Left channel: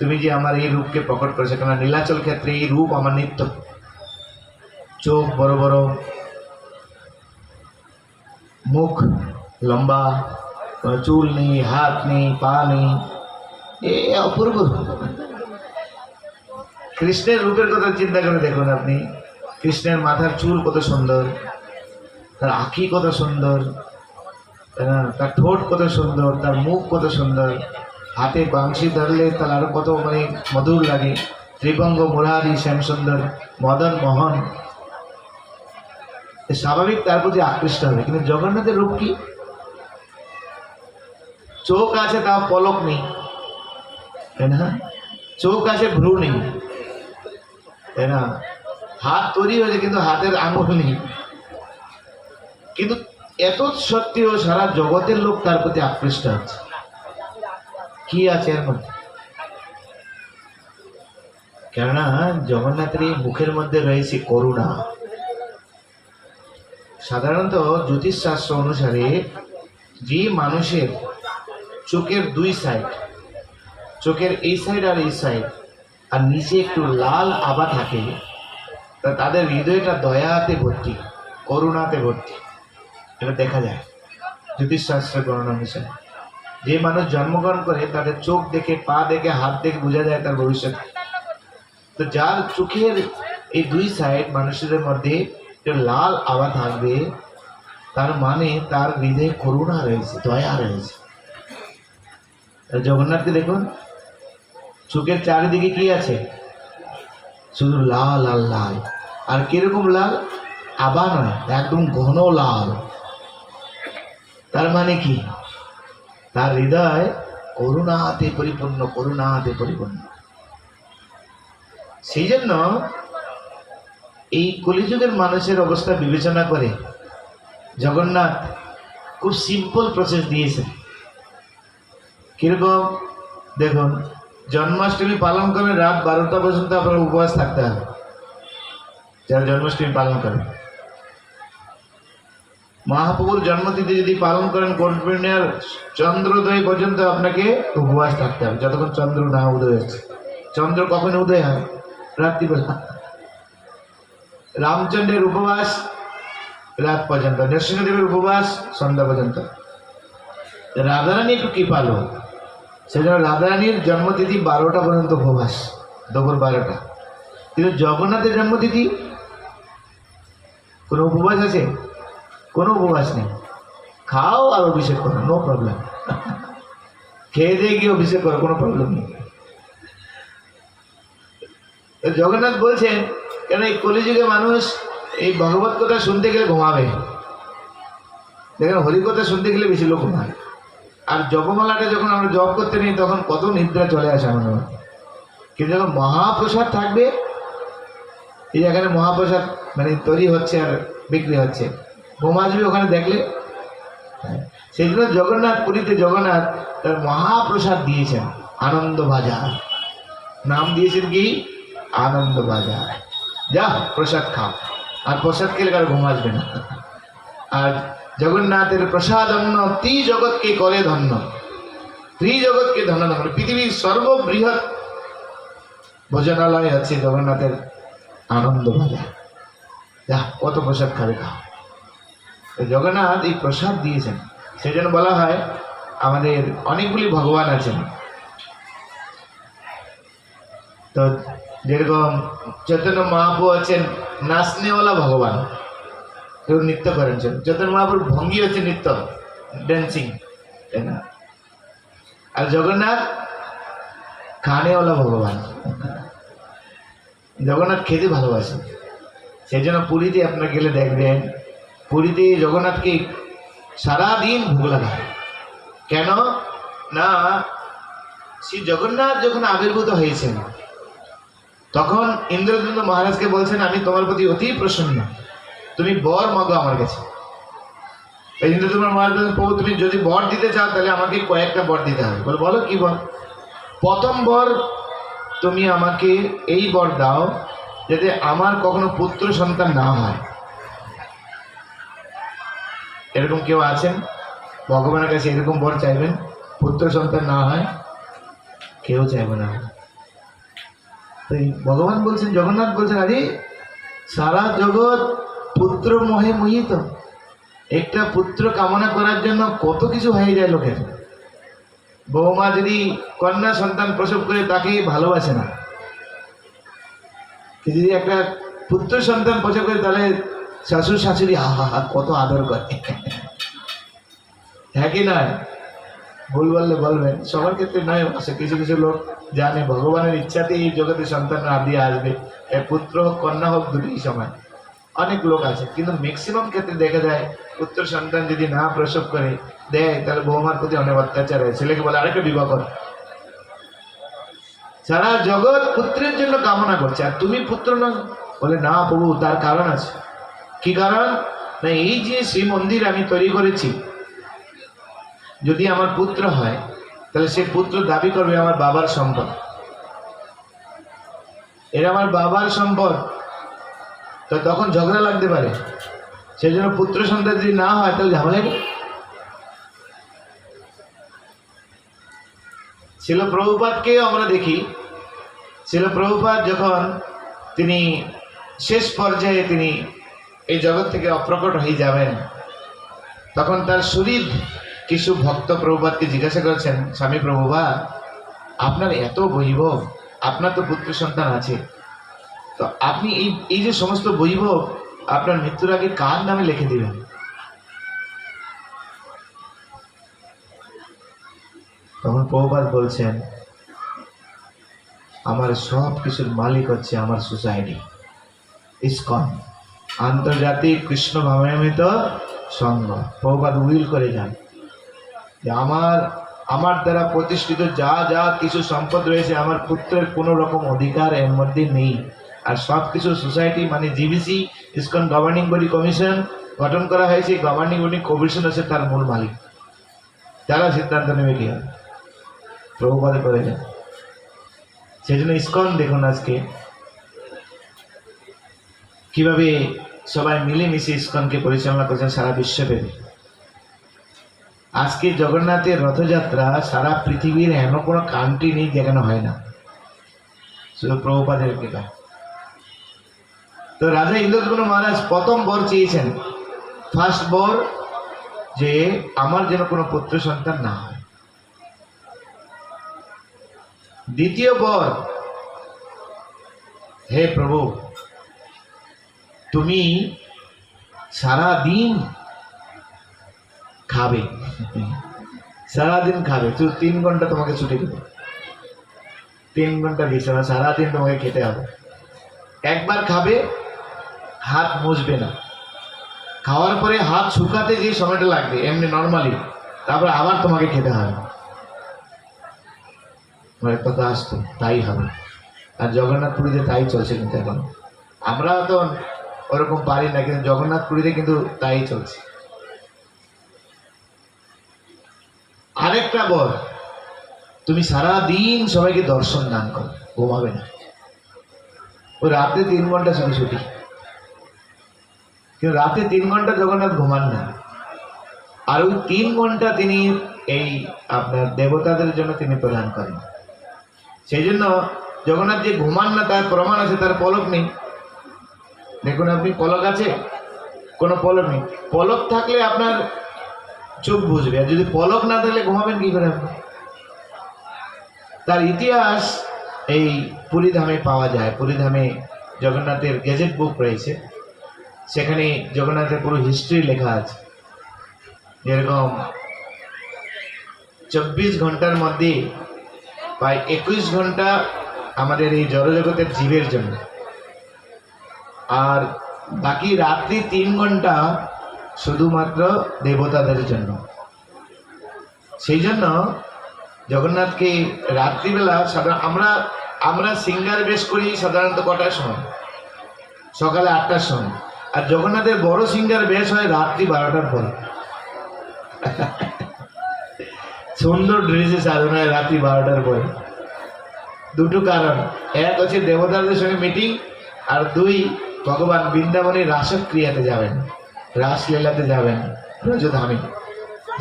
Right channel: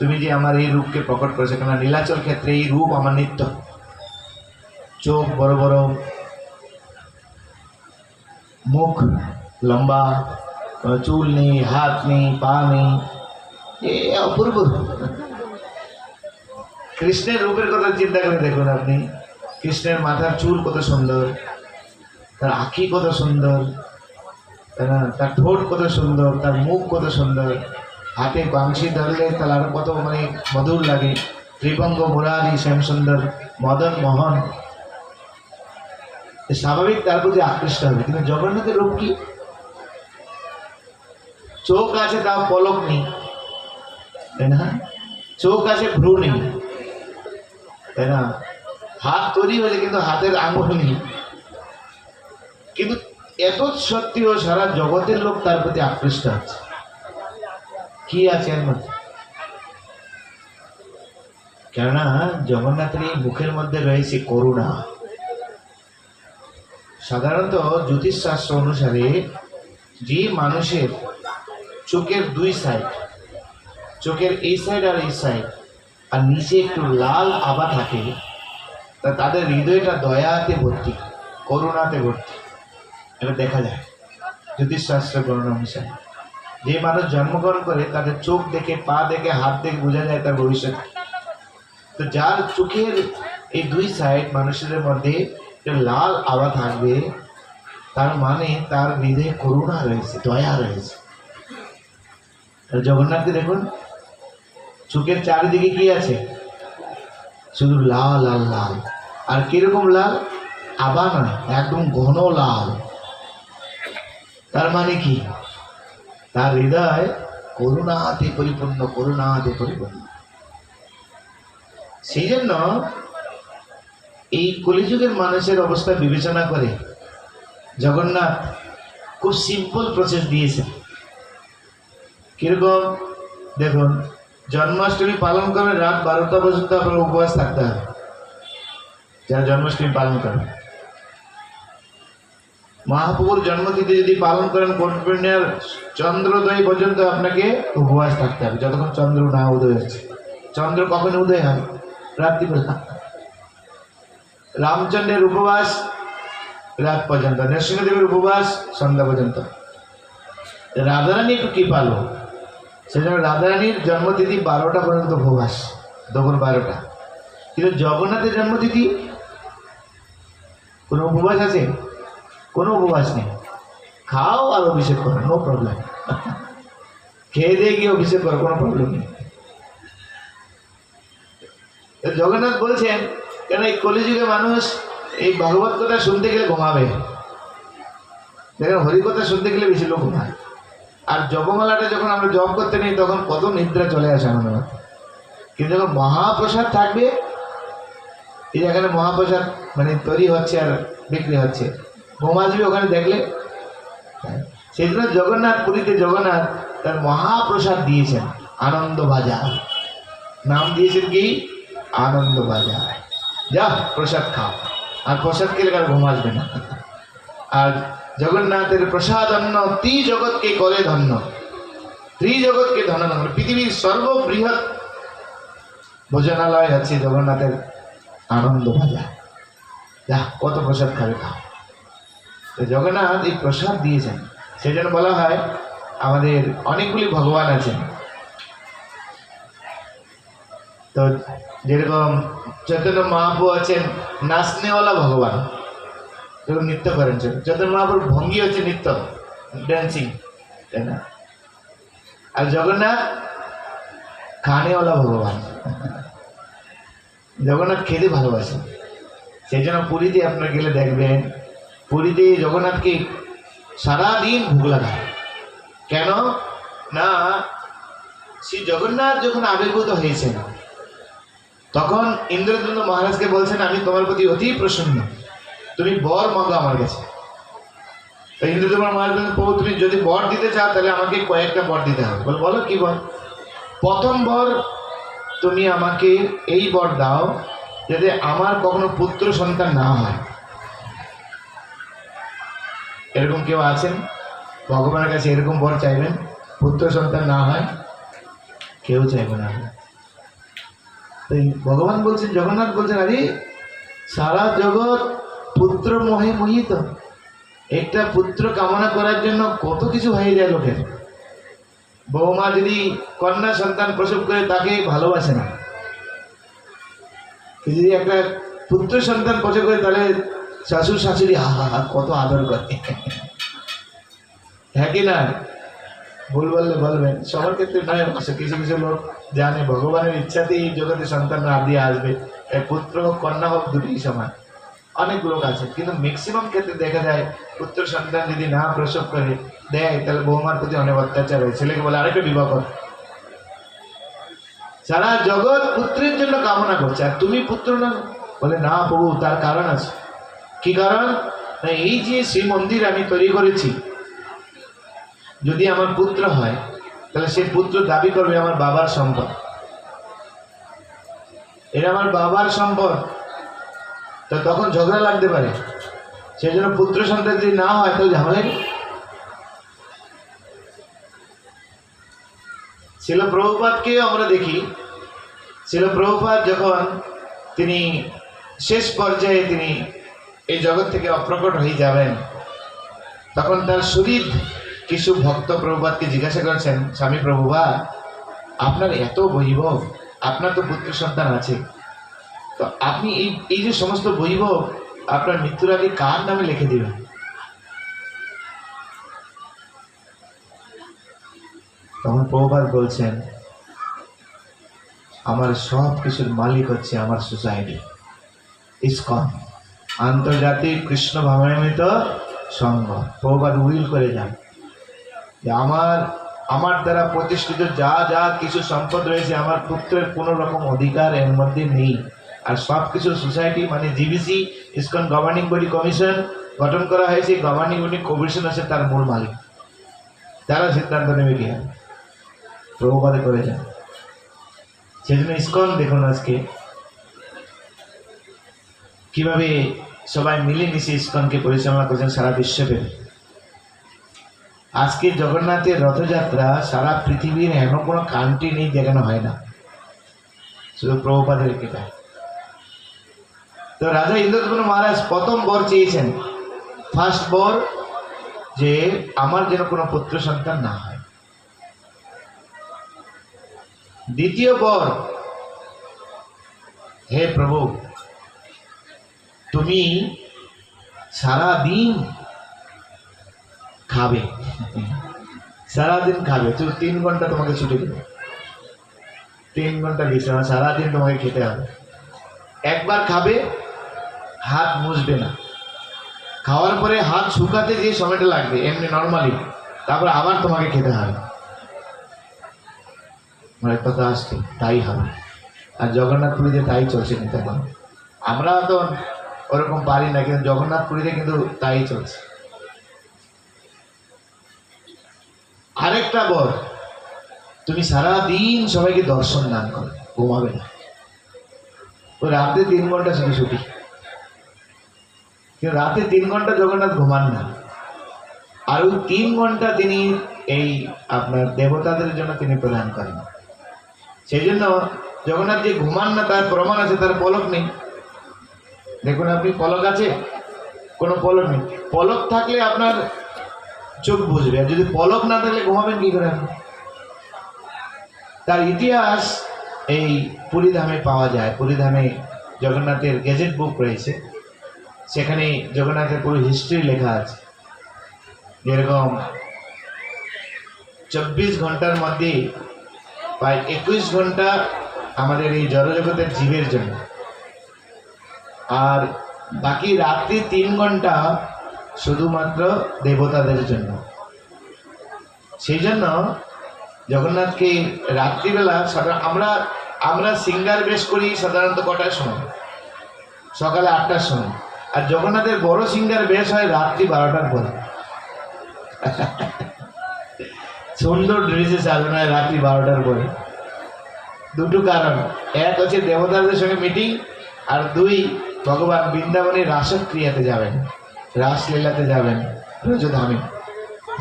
তুমি যে আমার এই রূপকে প্রকট করেছো, কেন নীলাচল ক্ষেত্রে এই রূপ আমার নিত্য। চোখ বড় বড়, মুখ লম্বা, চুল নেই, হাত নেই, পা নেই, এ অপূর্ব রূপ। কৃষ্ণের রূপের কথা চিন্তা করে দেখুন আপনি, কৃষ্ণের মাথার চুল কত সুন্দর, তার আঁখি কত সুন্দর, তার ঠোঁট কত সুন্দর, তার মুখ কত সুন্দর, হাতে বাংশি ধরলে তার আরো কত মানে মধুর লাগে। ত্রিভঙ্গ মুরারি শ্যাম সুন্দর মদন মোহন, স্বাভাবিক তার প্রতি আকৃষ্ট হবে। কিন্তু জগন্নাথের রূপ কি? চোখ আছে তাও পলক নেই, তাই না? চোখ আছে ভ্রু নেই, তাই না? হাত তৈরি হয়েছে কিন্তু হাতের আঙুল নেই। কিন্তু এত সত্ত্বেও সারা জগতের লোক তার প্রতি আকৃষ্ট আছে। কি আছে এর মধ্যে? কেননা জগন্নাথের এই মুখের মধ্যে রয়েছে করুণা। সাধারণত জ্যোতিষশাস্ত্র অনুসারে যে মানুষের চোখের দুই সাইড, চোখের এই সাইড আর এই সাইড, আর নিচে একটু লাল আভা থাকে, তা তাদের হৃদয়টা দয়াতে ভর্তি, করুণাতে ভর্তি। এটা দেখা যায় জ্যোতিষশাস্ত্রের গণনা অনুসারে। যে মানুষ জন্মগ্রহণ করে তাদের চোখ দেখে, পা দেখে, হাত দেখে বোঝা যায় তার ভবিষ্যৎ। তো যার চোখের এই দুই সাইড মানুষের মধ্যে লাল আভা থাকবে, তার মানে তার হৃদয়ে করুণা রয়েছে, দয়া রয়েছে। জগন্নাথকে দেখুন, চোখের চারিদিকে কি আছে? শুধু লাল আর লাল। আর কিরকম লাল? আভা নয়, একদম ঘন লাল। তার মানে কি? তার হৃদয় করুণাতে পরিপূর্ণ, করুণাতে পরিপূর্ণ। সেই জন্য এই কলিযুগের মানুষের অবস্থা বিবেচনা করে জগন্নাথ খুব সিম্পল প্রসেস দিয়েছেন। কিরকম? দেখুন, জন্মাষ্টমী পালন করে রাত 12টা পর্যন্ত আপনার উপবাস থাকতে হবে, যারা জন্মাষ্টমী পালন করেন। মহাপ্রভুর জন্মতিথি যদি পালন করেন, কর্পূর্ণিমার চন্দ্রোদয় পর্যন্ত আপনাকে উপবাস থাকতে হবে, যতক্ষণ চন্দ্র না উদয় হচ্ছে। চন্দ্র কখন উদয় হয়? রাত্রিবেলা। রামচন্দ্রের উপবাস রাত পর্যন্ত, নরসিংহদেবের উপবাস সন্ধ্যা পর্যন্ত। রাধারানী একটু কৃপালু, সেজন্য রাধারানীর জন্মতিথি 12টা পর্যন্ত উপবাস, দুপুর 12টা। কিন্তু জগন্নাথের জন্মতিথি কোনো উপবাস আছে? কোনো উপবাস নেই। খাও আর অভিষেক করো, নো প্রবলেম। খেয়ে দিয়ে গিয়ে অভিষেক করো, কোনো প্রবলেম নেই। জগন্নাথ বলছেন, কেন এই কলিযুগে মানুষ এই ভগবত কথা শুনতে গেলে ঘুমাবে। দেখেন, হরিকথা শুনতে গেলে বেশি লোক ঘুমায়। আর জপমালাটা যখন আমরা জপ করতে নিই তখন কত নিদ্রা চলে আসে আমাদের। কিন্তু যখন মহাপ্রসাদ থাকবে, এই এখানে মহাপ্রসাদ মানে তৈরি হচ্ছে আর বিক্রি হচ্ছে, ঘুমা যাবে ওখানে দেখলে। সেই জন্য জগন্নাথ, পুরীতে জগন্নাথ তার মহাপ্রসাদ দিয়েছেন আনন্দ বাজার। নাম দিয়েছেন কি? আনন্দ বাজার। যা প্রসাদ খাও, আর প্রসাদ খেলে আর ঘুম আসবে না। আর জগন্নাথের প্রসাদ অন্ন ত্রিজগৎকে করে ধন্য, ত্রিজগৎকে ধন্য ধন্য। পৃথিবীর সর্ববৃহৎ ভোজনালয় হচ্ছে জগন্নাথের আনন্দ বাজার। যা কত প্রসাদ খাবে খাও। তো জগন্নাথ এই প্রসাদ দিয়েছেন, সেই জন্য বলা হয় আমাদের অনেকগুলি ভগবান আছেন। তো যেরকম চৈতন্য মহাপ্রভু আছেন নাচনেওয়ালা ভগবান, নৃত্য করেন। চৈতন্য মহাপ্রভুর ভঙ্গি হচ্ছে নৃত্য, ড্যান্সিং, তাই না? আর জগন্নাথ খানেওয়ালা ভগবান। জগন্নাথ খেতে ভালোবাসেন, সেই জন্য পুরীতে আপনার গেলে দেখবেন, পুরীতে জগন্নাথকে সারাদিন ভোগ লাগায়। কেন না, শ্রী জগন্নাথ যখন আবির্ভূত হয়েছেন তখন ইন্দ্রদ্যুম্ন মহারাজকে বলছেন, আমি তোমার প্রতি অতি প্রসন্ন, তুমি বর মাগো আমার কাছে। ইন্দ্রদ্যুম্ন মহারাজ বলছেন, প্রভু তুমি যদি বর দিতে চাও তাহলে আমাকে কয়েকটা বর দিতে হবে। বলো কি বর? প্রথম বর, তুমি আমাকে এই বর দাও যাতে আমার কখনো পুত্র সন্তান না হয়। এরকম কেউ আছেন ভগবানের কাছে এরকম বর চাইবেন পুত্র সন্তান না হয়? কেউ চাইবে না। তো ভগবান বলছেন, জগন্নাথ বলছেন, আরে সারা জগৎ পুত্র মোহে মোহিত। একটা পুত্র কামনা করার জন্য কত কিছু হয়ে যায় লোকের। বৌমা যদি কন্যা সন্তান প্রসব করে তাকে ভালোবাসে না, যদি একটা পুত্র সন্তান প্রসব করে তাহলে শ্বশুর শাশুড়ি আহা হা কত আদর করে। হ্যাঁ কি না? ভুল বললে বলবেন, সবার ক্ষেত্রে নয়, কিছু কিছু লোক জানে ভগবানের ইচ্ছাতেই এই জগতে সন্তান না দিয়ে আসবে, পুত্র হোক কন্যা হোক দুটোই সমান। অনেক লোক আছে, কিন্তু ম্যাক্সিমাম ক্ষেত্রে দেখা যায় পুত্র সন্তান যদি না প্রসব করে দেয় তাহলে বৌমার প্রতি অনেক অত্যাচার হয়, ছেলেকে বলে আরেকটা বিবাহ কর। সারা জগৎ পুত্রের জন্য কামনা করছে, আর তুমি পুত্র না? বলে না প্রভু, তার কারণ আছে। কি কারণ? না, এই যে শ্রী মন্দির আমি তৈরি করেছি, যদি আমার পুত্র হয় তাহলে সে পুত্র দাবি করবে আমার বাবার সম্পদ, এটা আমার বাবার সম্পদ, তো তখন ঝগড়া লাগতে পারে। সেই জন্য পুত্র সন্তান যদি না হয় তাহলে ঝামেলা কি? শিল প্রভুপাদকে আমরা দেখি, শিল প্রভুপাদ যখন তিনি শেষ পর্যায়ে তিনি এই জগৎ থেকে অপ্রকট হয়ে যাবেন, তখন তার শরীর কিছু ভক্ত প্রভুপাদকে জিজ্ঞাসা করেছেন, স্বামী প্রভুপাদ, আপনার এত বৈভব, আপনার তো পুত্র সন্তান আছে, তো আপনি এই যে সমস্ত বৈভব আপনার মৃত্যুর আগে কার নামে লিখে দিবেন? তখন প্রভুপাদ বলছেন, আমার সব কিছুর মালিক হচ্ছে আমার সোসাইটি ইসকন, আন্তর্জাতিক কৃষ্ণ ভাবান্বিত সংঘ। প্রভুপাদ উইল করে যান যে আমার দ্বারা প্রতিষ্ঠিত যা যা কিছু সম্পদ রয়েছে আমার পুত্রের কোনো রকম অধিকার এর মধ্যে নেই। আর সব কিছু সোসাইটি মানে GBC, ISKCON governing body commission গঠন করা হয়েছে, গভর্নিং বডি কমিশন আছে তার মূল মালিক, তারা সিদ্ধান্ত নেবে কি হয়, প্রভুপাদে করে যান। সেই জন্য ইসকন দেখুন আজকে কিভাবে সবাই মিলেমিশে ইসকনকে পরিচালনা করছেন সারা বিশ্বব্যাপী। আজকে জগন্নাথের রথযাত্রা সারা পৃথিবীর এমন কোনো কান্ট্রি নেই যেখানে হয় না, শুধু প্রভুপাদের কৃপা। তো রাজা ইন্দ্রদ্যুম্ন মহারাজ প্রথম বর চেয়েছেন, ফার্স্ট বর, যে আমার যেন কোনো পুত্র সন্তান না হয়। দ্বিতীয় বর, হে প্রভু, তুমি সারাদিন খাবে, সারাদিন খাবে, তুমি 3 ঘন্টা তোমাকে ছুটি দেবে, 3 ঘন্টা বিশ্রাম, সারাদিন তোমাকে খেতে হবে। একবার খাবে, হাত মুছবে না, খাওয়ার পরে হাত শুকাতে যে সময়টা লাগবে এমনি নর্মালি, তারপরে আবার তোমাকে খেতে হবে। কথা আসতো তাই হবে। আর জগন্নাথ পুরীতে তাই চলছে, কিন্তু এখন আমরা তো ওরকম পারি না, কিন্তু জগন্নাথ পুরীতে কিন্তু তাই চলছে। আরেকটা বল, তুমি সারা দিন সবাইকে দর্শন দান করো, ঘুমাবে না, ও রাতে 3 ঘন্টা শুধু ছুটি, কিন্তু রাতে 3 ঘন্টা জগন্নাথ ঘুমান না, আর ওই 3 ঘন্টা তিনি এই আপনার দেবতাদের জন্য তিনি প্রদান করেন। সেই জন্য জগন্নাথ যে ঘুমান না তার প্রমাণ আছে, তার পলক নেই। দেখুন আপনি, পলক আছে? কোনো পলক নেই। পলক থাকলে আপনার চোখ বুঝবে, আর যদি পলক না থাকলে ঘুমাবেন কি করে? তার ইতিহাস এই পুরীধামে পাওয়া যায়। পুরীধামে জগন্নাথের গেজেট বুক রয়েছে, সেখানে জগন্নাথের পুরো হিস্ট্রি লেখা আছে। যেরকম 24 ঘন্টার মধ্যে প্রায় 21 ঘন্টা আমাদের এই জড়জগতের জীবের জন্য, আর বাকি রাত্রি 3 ঘন্টা শুধুমাত্র দেবতাদের জন্য। সেই জন্য জগন্নাথকে রাত্রিবেলা আমরা সিঙ্গার বেশ করি সাধারণত কটার সময়? সকালে 8টার সময়। আর জগন্নাথের বড় সিঙ্গার বেশ হয় রাত্রি 12টার পরে। সুন্দর ড্রেসে সাজানো হয় রাত্রি 12টার পরে। দুটো কারণ, এক হচ্ছে দেবতাদের সঙ্গে মিটিং, আর 2 ভগবান বৃন্দাবনে রাসক্রিয়াতে যাবেন, রাসলীলাতে যাবেন ব্রজধামে।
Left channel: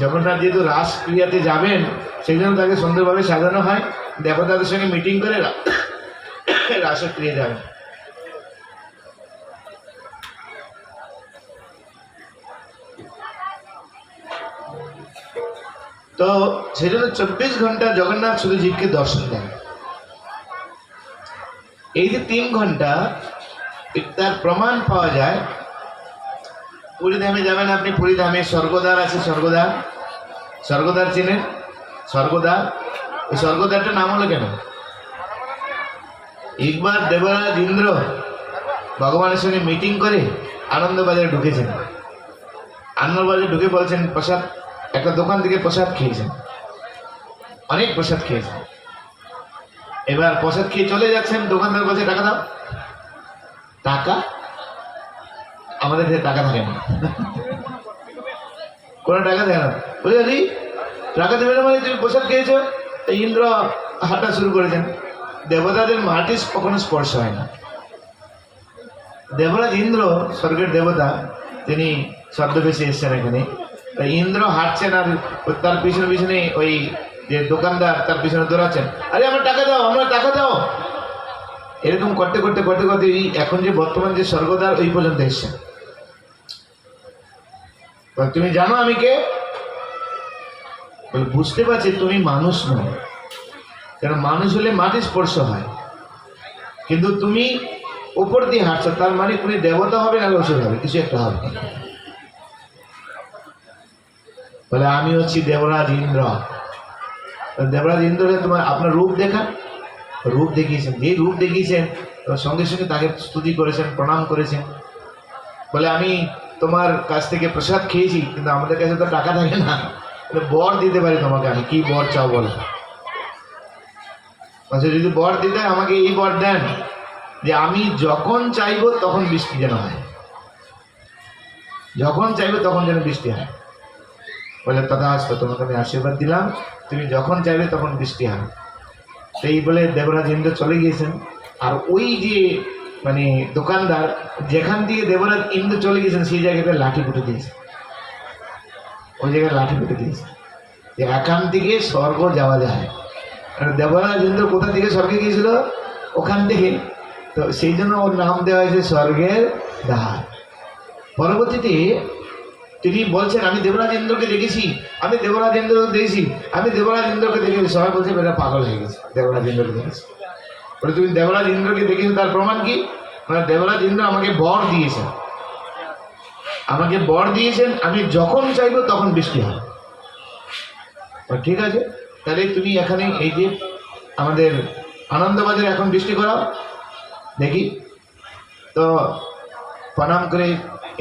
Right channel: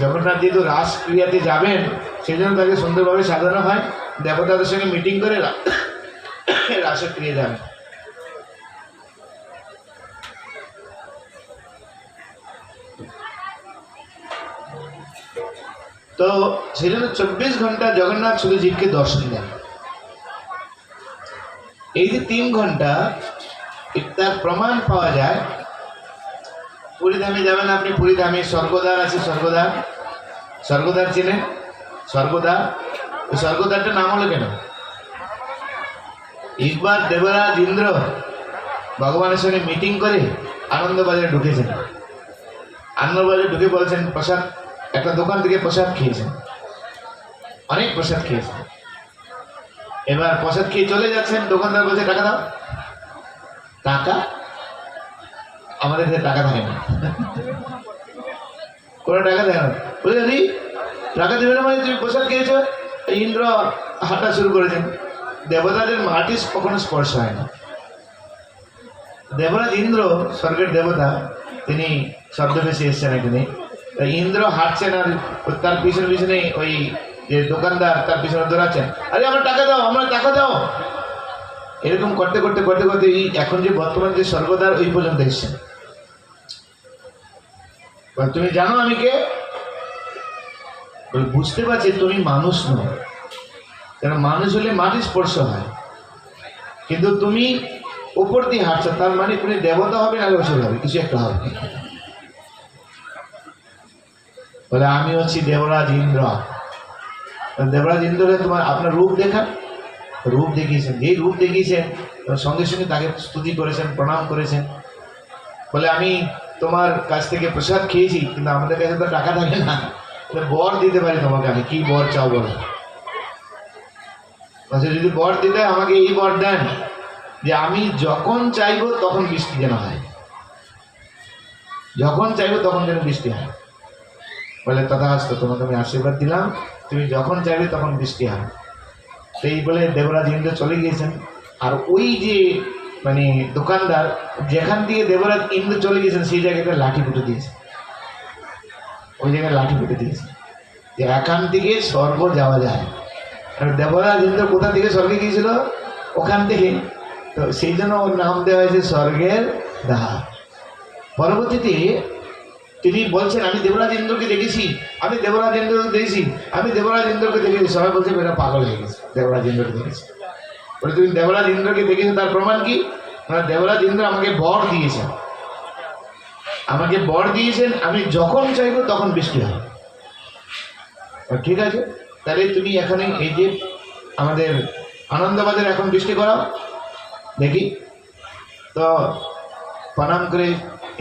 জগন্নাথ যেহেতু রাসক্রিয়াতে যাবেন সেই জন্য তাকে সুন্দরভাবে সাজানো হয়, দেবতাদের সঙ্গে মিটিং করে রাসক্রিয়া যাবে। তো সেই জন্য 24 ঘন্টা জগন্নাথ শুধু জীবকে দর্শন দেন। এই যে 3 ঘন্টা, তার প্রমাণ পাওয়া যায়। পুরীধামে যাবেন আপনি, পুরীধামে স্বর্গদ্বার আছে। স্বর্গদ্বার চেনেন? স্বর্গদ্বার, ওই স্বর্গদ্বারটার নাম হলো কেন? একবার দেবরাজ ইন্দ্র ভগবানের সঙ্গে মিটিং করে আনন্দবাজারে ঢুকেছেন। আনন্দবাজারে ঢুকে বলছেন প্রসাদ, একটা দোকান থেকে প্রসাদ খেয়েছেন, অনেক প্রসাদ খেয়েছেন। এবার প্রসাদ খেয়ে চলে যাচ্ছেন, দোকানদার বলছে টাকা দাও। টাকা? আমাদের কাছে টাকা থাকে না, কোনো টাকা দেয় না। বুঝলি আরে টাকা দেবে না মানে তুমি প্রসাদ খেয়েছো। ইন্দ্র হাঁটা শুরু করেছেন। দেবতাদের মাটি কখনো স্পর্শ হয় না। দেবরাজ ইন্দ্র স্বর্গের দেবতা, তিনি ছদ্মবেশে এসছেন এখানে। ইন্দ্র হাঁটছেন আর তার পিছনে পিছনে ওই যে দোকানদার তার পিছনে দৌড়াচ্ছেন, আরে আমার টাকা দাও, আমরা টাকা দাও। এরকম করতে করতে করতে করতে এখন যে বর্তমান যে স্বর্গদ্বার ওই পর্যন্ত এসছেন। তুমি জানো আমি কে? বুঝতে পারছি তুমি মানুষ নও, কেন মানুষ হলে মাটি স্পর্শ হয়, কিন্তু তুমি উপর দিয়ে হাঁটছো, তার মানে তুমি দেবতা হবে না ওষুধ হবে, কিছু একটা হবে। বলে আমি হচ্ছি দেবরাজ ইন্দ্র। দেবরাজ ইন্দ্রকে তোমার আপনার রূপ দেখান। রূপ দেখিয়েছেন, যে রূপ দেখিয়েছেন সঙ্গে সঙ্গে তাকে স্তুতি করেছেন, প্রণাম করেছেন। বলে আমি তোমার কাছ থেকে প্রসাদ খেয়েছি, কিন্তু আমাদের কাছে তো টাকা থাকে না, বর দিতে পারি তোমাকে। আমি কি বর চাও বলো? যদি বর দিতে আমাকে এই বর দেন যে আমি যখন চাইবো তখন বৃষ্টি যেন হয়, যখন চাইবো তখন যেন বৃষ্টি হয়। বলে তথাস্তু, তোমাকে আমি আশীর্বাদ দিলাম, তুমি যখন চাইবে তখন বৃষ্টি হয়। সেই বলে দেবরাজ ইন্দ্র চলে গিয়েছেন। আর ওই যে মানে দোকানদার যেখান দিয়ে দেবরাজ ইন্দ্র চলে গিয়েছেন সেই জায়গাটা লাঠি পুঁতে দিয়েছে, ওই জায়গায় লাঠি পুঁতে দিয়েছে যে এখান থেকে স্বর্গ যাওয়া যায়। আর দেবরাজ ইন্দ্র কোথা থেকে স্বর্গে গিয়েছিল? ওখান থেকে। তো সেই জন্য ওর নাম দেওয়া হয়েছে স্বর্গের দ্বার। পরবর্তীতে তিনি বলছেন আমি দেবরাজ ইন্দ্রকে দেখেছি, আমি দেবরাজ ইন্দ্রকে দেখেছি, আমি দেবরাজ ইন্দ্রকে দেখেছি। সবাই বলছে এটা পাগল হয়ে গেছে, দেবরাজ ইন্দ্রকে দেখেছি। বলে তুমি দেবরাজ ইন্দ্রকে দেখেছো, তার প্রমাণ কি? মানে দেবরাজ ইন্দ্র আমাকে বর দিয়েছেন, আমাকে বর দিয়েছেন আমি যখন চাইবো তখন বৃষ্টি হবে। ঠিক আছে, তাহলে তুমি এখানে এই যে আমাদের আনন্দবাজারে এখন বৃষ্টি করাও দেখি। তো প্রণাম করে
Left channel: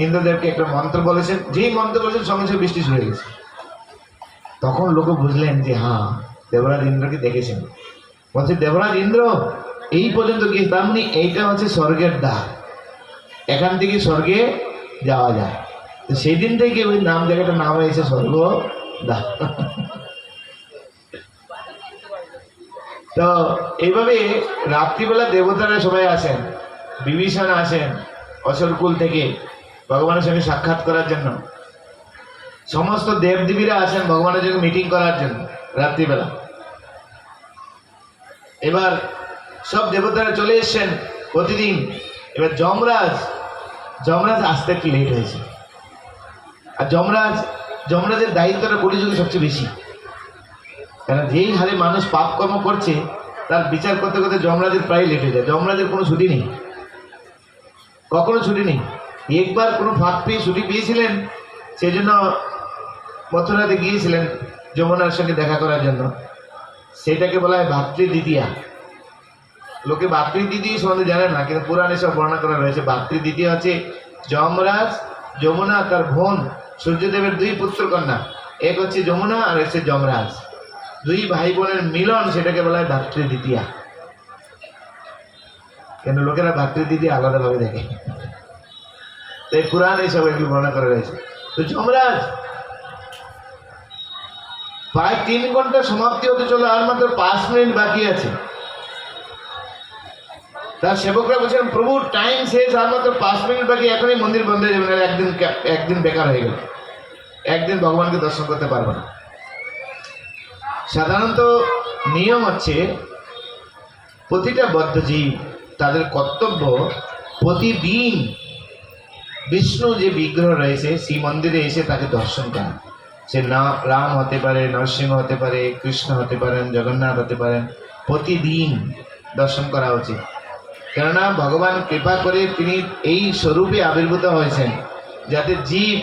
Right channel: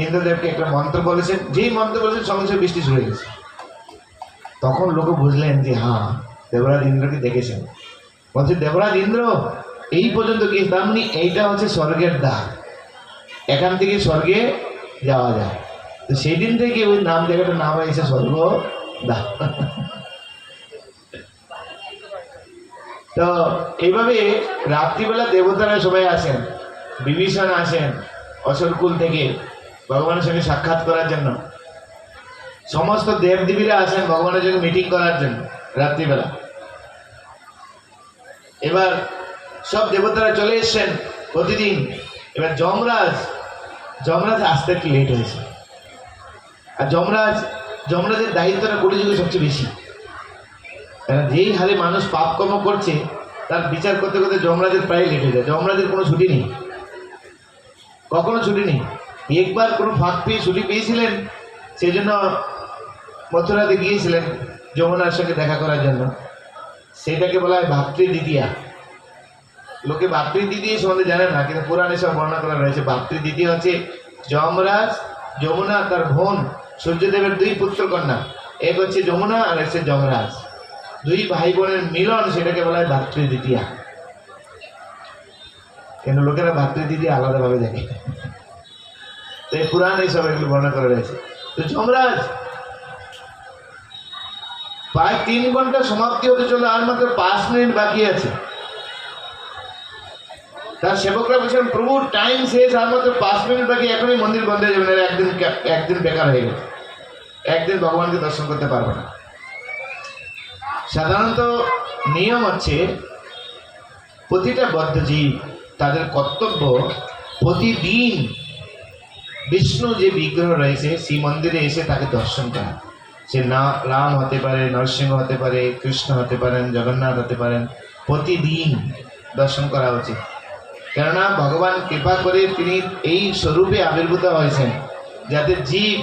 ইন্দ্রদেবকে একটা মন্ত্র বলেছেন, যেই মন্ত্র বলেছেন সঙ্গে সঙ্গে বৃষ্টি শুরু হয়ে গেছে। তখন লোক বুঝলেন যে হ্যাঁ দেবরাজ ইন্দ্রকে দেখেছেন। বলছে দেবরাজ ইন্দ্র এই পর্যন্ত গিয়েছে, তার মানে এইটা হচ্ছে স্বর্গের দ্বার, এখান থেকে স্বর্গে যাওয়া যায়। তো সেই দিন থেকে ওই নাম জায়গাটার নাম হয়েছে স্বর্গ দ্বার। তো এইভাবে রাত্রিবেলা দেবতারা সবাই আসেন, বিভীষণ আসেন অসুরকুল থেকে ভগবানের সঙ্গে সাক্ষাৎ করার জন্য। সমস্ত দেবদেবীরা আসেন ভগবানের সঙ্গে মিটিং করার জন্য রাত্রিবেলা। এবার সব দেবতারা চলে এসছেন প্রতিদিন। এবার যমরাজ আসতে একটু লেট হয়েছে। আর যমরাজের দায়িত্বটা কলিযুগে সবচেয়ে বেশি, কারণ যেই হারে মানুষ পাপ কর্ম করছে তার বিচার করতে করতে যমরাজের প্রায় লেট হয়ে যায়। যমরাজের কোনো ছুটি নেই, কখনো ছুটি নেই। একবার কোনো ফাঁক পেয়ে ছুটি পেয়েছিলেন, সেই জন্য মথুরাতে গিয়েছিলেন যমুনার সঙ্গে দেখা করার জন্য। সেটাকে বলা হয় ভাতৃদ্বিতীয়া। লোকে ভাতৃদ্বিতীয় সম্বন্ধে জানে না, কিন্তু পুরাণে সব বর্ণনা করা রয়েছে। ভাতৃদ্বিতীয়া হচ্ছে যমরাজ, যমুনা, তার বোন সূর্যদেবের 2 পুত্র কন্যা, এক হচ্ছে যমুনা আর হচ্ছে যমরাজ, 2 ভাই বোনের মিলন, সেটাকে বলা হয় ভাতৃদ্বিতীয়া। কেন লোকেরা ভাতৃদ্বিতীয়া আলাদাভাবে দেখে, তাই পুরাণে সব একটু বর্ণনা করা রয়েছে। তো যমরাজ প্রায় 3 ঘন্টা সমাপ্তি হতে চলো, আর মাত্র 5 মিনিট বাকি আছে। তার সেবকরা বলছেন প্রভু টাইম শেষ, আর মাত্র 5 মিনিট বাকি, এখনই মন্দির বন্ধ হয়ে যাবে, একদিন বেকার হয়ে গেল, একদিন ভগবানকে দর্শন করতে পারবো না। সাধারণত নিয়ম হচ্ছে প্রতিটা বদ্ধজীব তাদের কর্তব্য প্রতিদিন বিষ্ণু যে বিগ্রহ রয়েছে সেই মন্দিরে এসে তাকে দর্শন করা। সে না রাম হতে পারে, নরসিংহ হতে পারে, কৃষ্ণ হতে পারেন, জগন্নাথ হতে পারেন, প্রতিদিন দর্শন করা উচিত। কেননা ভগবান কৃপা করে তিনি এই স্বরূপে আবির্ভূত হয়েছেন যাতে জীব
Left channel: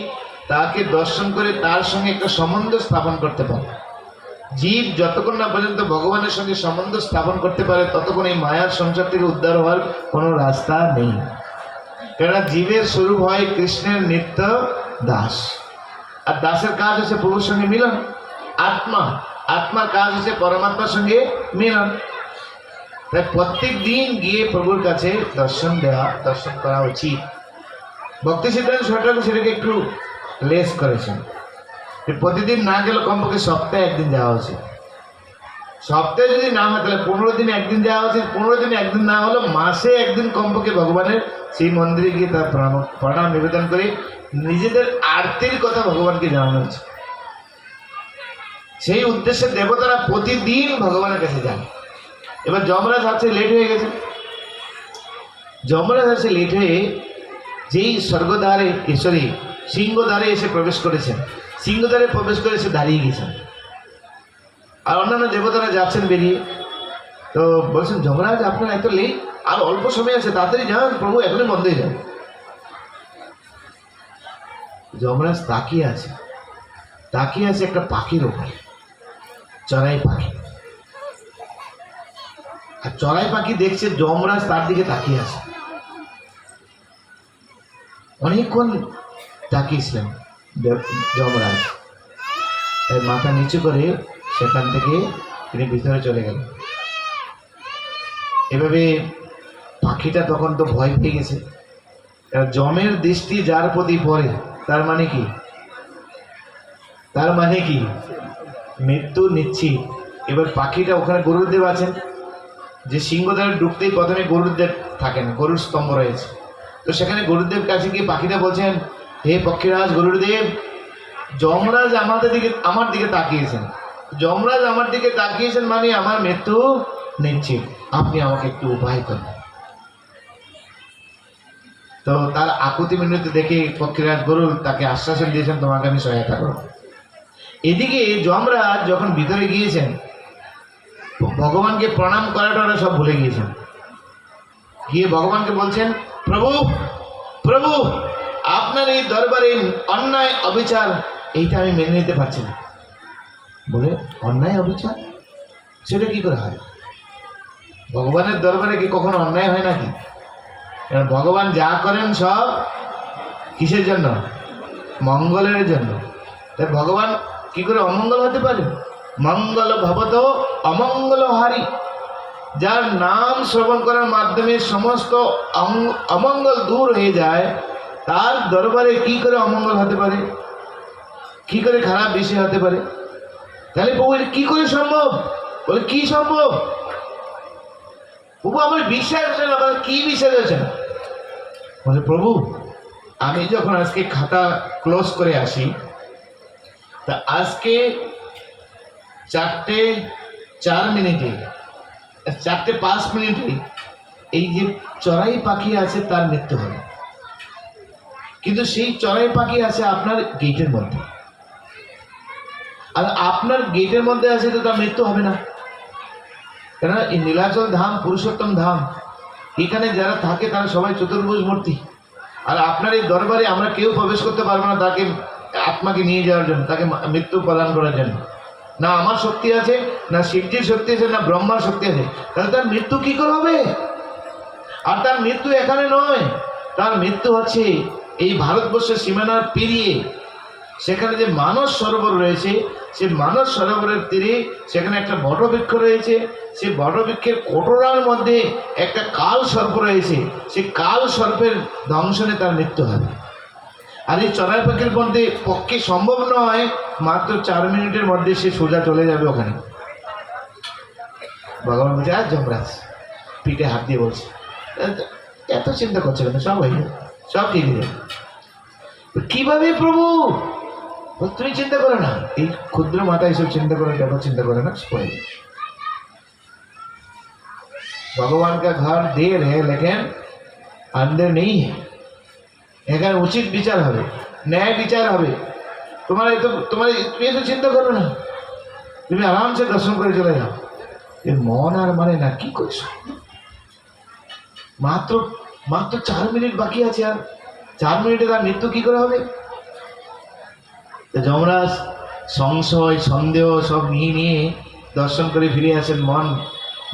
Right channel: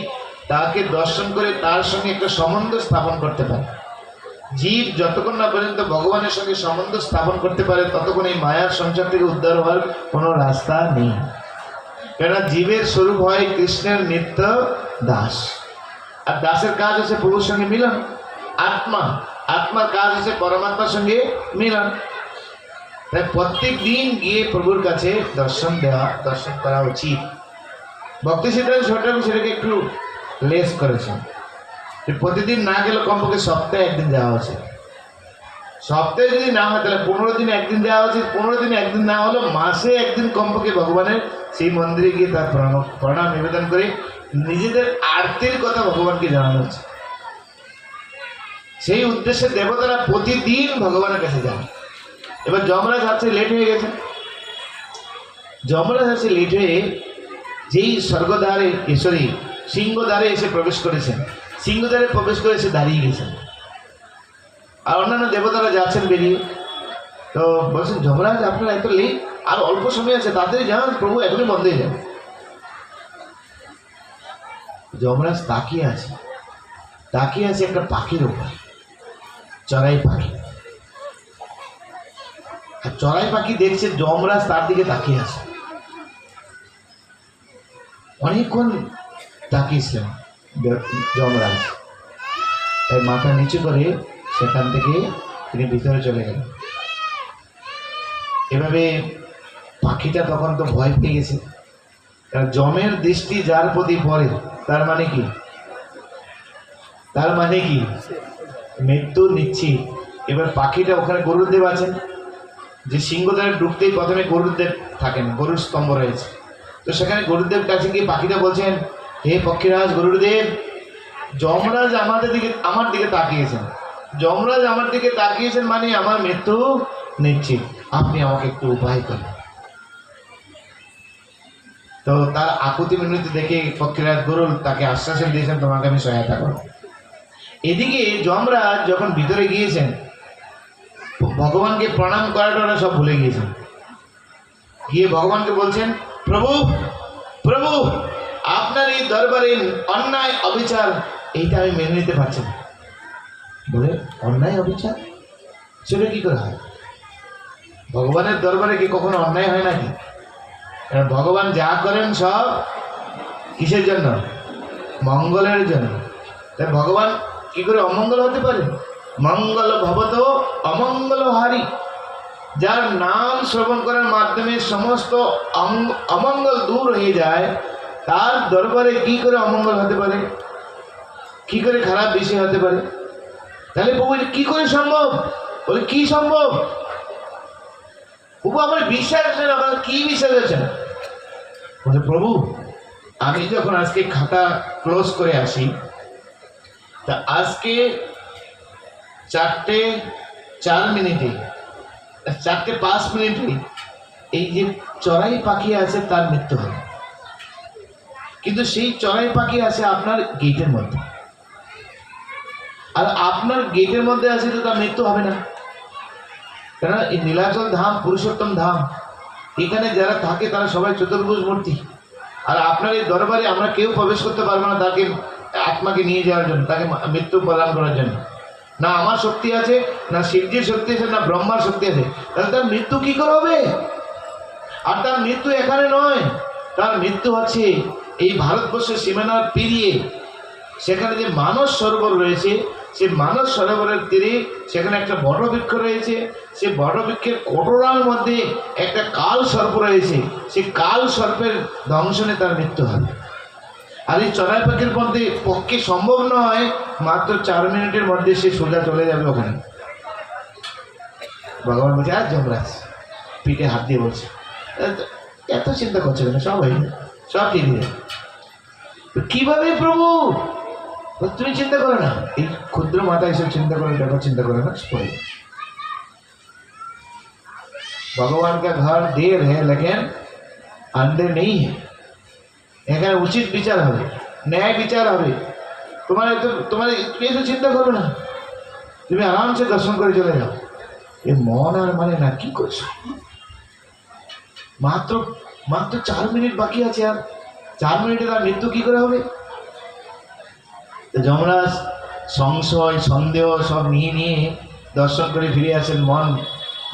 তাকে দর্শন করে তার সঙ্গে একটা সম্বন্ধ স্থাপন করতে পারে। জীব যতক্ষণ না পর্যন্ত ভগবানের সঙ্গে সম্বন্ধ স্থাপন করতে পারে ততক্ষণ এই মায়ার সংসার থেকে উদ্ধার হওয়ার কোনো রাস্তা নেই। কেননা জীবের স্বরূপ হয় কৃষ্ণের নিত্য দাস, আর দাসের কাজ হচ্ছে প্রভুর সঙ্গে মিলন। আত্মার কাজ হচ্ছে পরমাত্মার সঙ্গে মিলন। তাই প্রত্যেক দিন গিয়ে প্রভুর কাছে দর্শন করা উচিত। ভক্তি সিদ্ধান্ত সরকার সেটাকে একটু লেস করেছেন, প্রতিদিন না গেলে কমপক্ষে সপ্তাহে একদিন যাওয়া উচিত। সপ্তাহে যদি না হয় তাহলে 15 দিনে একদিন যাওয়া উচিত। 15 দিনে একদিন না হলে মাসে একদিন কমপক্ষে ভগবানের সেই মন্দিরে গিয়ে তার প্রণাম নিবেদন করে নিজেদের আরতির কথা ভগবানকে জানানো উচিত। সেই উদ্দেশ্যে দেবতারা প্রতিদিন ভগবানের কাছে যান। এবার যমরাজ আছে লেট হয়ে গেছে, যমরাজ আছে লেট হয়ে যেই স্বর্গদ্বারে সিংহদ্বারে এসে প্রবেশ করেছেন, সিংহদ্বারে প্রবেশ করে এসে দাঁড়িয়ে গেছেন। আর অন্যান্য দেবতারা যাচ্ছেন বেরিয়ে, তো বলছেন যমরাজ আপনার এত লেট, আর অল্প সময় আছে, তাড়াতাড়ি যান, প্রভু এখনই বন্ধ হয়ে যাবে। যমরাজ তাকিয়ে আছে একটা পাখির উপর, চড়াই পাখি। আর চড়াই পাখি দেখছে যমরাজ তার দিকে তাকিয়ে আছে। অনেকক্ষণ তাকিয়েছিলেন যমরাজ, তাই মাথা নিচু করে সেখান থেকে তিনি ভিতরে চলে গেলেন। এভাবে পাখিটা তখন তো ভয় পেয়ে গেছে। যমের দৃষ্টি যার প্রতি পড়ে তার মানে কি মৃত্যু নিশ্চিত। এবার পাখিটা ওখানে গরুদেব আছেন, যে সিংহদ্বারে ঢুকতেই প্রথমে গরুদেব থাকেন, গরুর স্তম্ভ রয়েছে। তো সেখানে গরুদেব কাছে গিয়ে পাখিটা বলছেন, হে পক্ষীরাজ গরুদেব, যমরাজ আমার দিকে তাকিয়েছেন, যমরাজ আমার দিকে তাকিয়েছেন মানে আমার মৃত্যু নিশ্চিত, আপনি আমাকে একটু উপায় করেন। তো তার আকুতি মিনতি দেখে পক্ষীরাজ গরুল তাকে আশ্বাসন দিয়েছেন, তোমাকে আমি সহায়তা করব। এদিকে যমরাজ যখন ভিতরে গিয়েছেন, ভগবানকে প্রণাম করাটা ওরা সব ভুলে গিয়েছেন। গিয়ে ভগবানকে বলছেন, প্রভু আপনার এই দরবারে অন্যায় অবিচার এইটা আমি মেনে নিতে পারছি না। বলে অন্যায় অবিচার সেটা কি করে হয়? ভগবানের দরবারে কি কখনো অন্যায় হয় নাকি? ভগবান যা করেন সব কিসের জন্য? মঙ্গলের জন্য। তাই ভগবান কি করে অমঙ্গল হতে পারে? মঙ্গল ভবত অমঙ্গল হারি। যার নাম শ্রবণ করার মাধ্যমে সমস্ত অমঙ্গল দূর হয়ে যায়, তার দরবারে কি করে অমঙ্গল হতে পারে? কি করে খারাপ বিষয় হতে পারে? তাহলে প্রভু কি করে সম্ভব? বলে কি সম্ভব? প্রভু আমার বিশ্বাস হচ্ছে না। বলে কি বিশ্বাস হচ্ছে না? বলে প্রভু আমি যখন আজকে খাতা ক্লোজ করে আসি, তা আজকে 4:04 4:05 এই যে চড়াই পাখি আছে তার মৃত্যু হবে। কিন্তু সেই চড়াই পাখি আছে আপনার গেটের মধ্যে, আর আপনার গেটের মধ্যে আছে তো তার মৃত্যু হবে না। কেন? এই নীলাচল ধাম পুরুষোত্তম ধাম, এখানে যারা থাকে তারা সবাই চতুর্ভুজ মূর্তি। আর আপনার এই দরবারে আমরা কেউ প্রবেশ করতে পারবো না তাকে আত্মাকে নিয়ে যাওয়ার জন্য, তাকে মৃত্যু প্রদান করার জন্য। না আমার শক্তি আছে, না শিবজির শক্তি আছে, না ব্রহ্মার শক্তি আছে। তাহলে তার মৃত্যু কি করে হবে? আর তার মৃত্যু এখানে নয়, তার মৃত্যু হচ্ছে এই ভারতবর্ষের সীমানার পেরিয়ে। সেখানে যে মানস সরোবর রয়েছে, সেই মানস সরোবরের তীরে সেখানে একটা বটবৃক্ষ রয়েছে। সেই বটবৃক্ষের কোটরার মধ্যে একটা কাল সর্প রয়েছে। সেই কাল সর্পের দংশনে তার মৃত্যু হবে। আর এই চড়াই পাখির মধ্যে পক্ষে সম্ভব নয়, মাত্র 4 মিনিটের মধ্যে সে সোজা চলে যাবে ওখানে। ভগবান বলছে, আর যমরাজ পিঠে হাত দিয়ে বলছে, এত চিন্তা করছে কেন? সব হয়ে যাবে, সব ঠিক হয়ে যাবে। কিভাবে প্রভু? তুমি চিন্তা করো না, এই ক্ষুদ্র মাথা এসব চিন্তা করে ব্যাপার চিন্তা করে না, भगवान का घर देर है लेकिन अंधेर नहीं है। এখানে উচিত বিচার হবে, ন্যায় বিচার হবে। তোমার এসে চিন্তা করবে না, তুমি আরামসে দর্শন করে চলে যাও। এর মন আর মানে না, কি করছো? মাত্র মাত্র 4 মিনিট বাকি আছে, আর 4 মিনিটে তার মৃত্যু কি করে হবে? তো যমরাজ সংশয় সন্দেহ সব নিয়ে নিয়ে দর্শন করে ফিরে আসেন।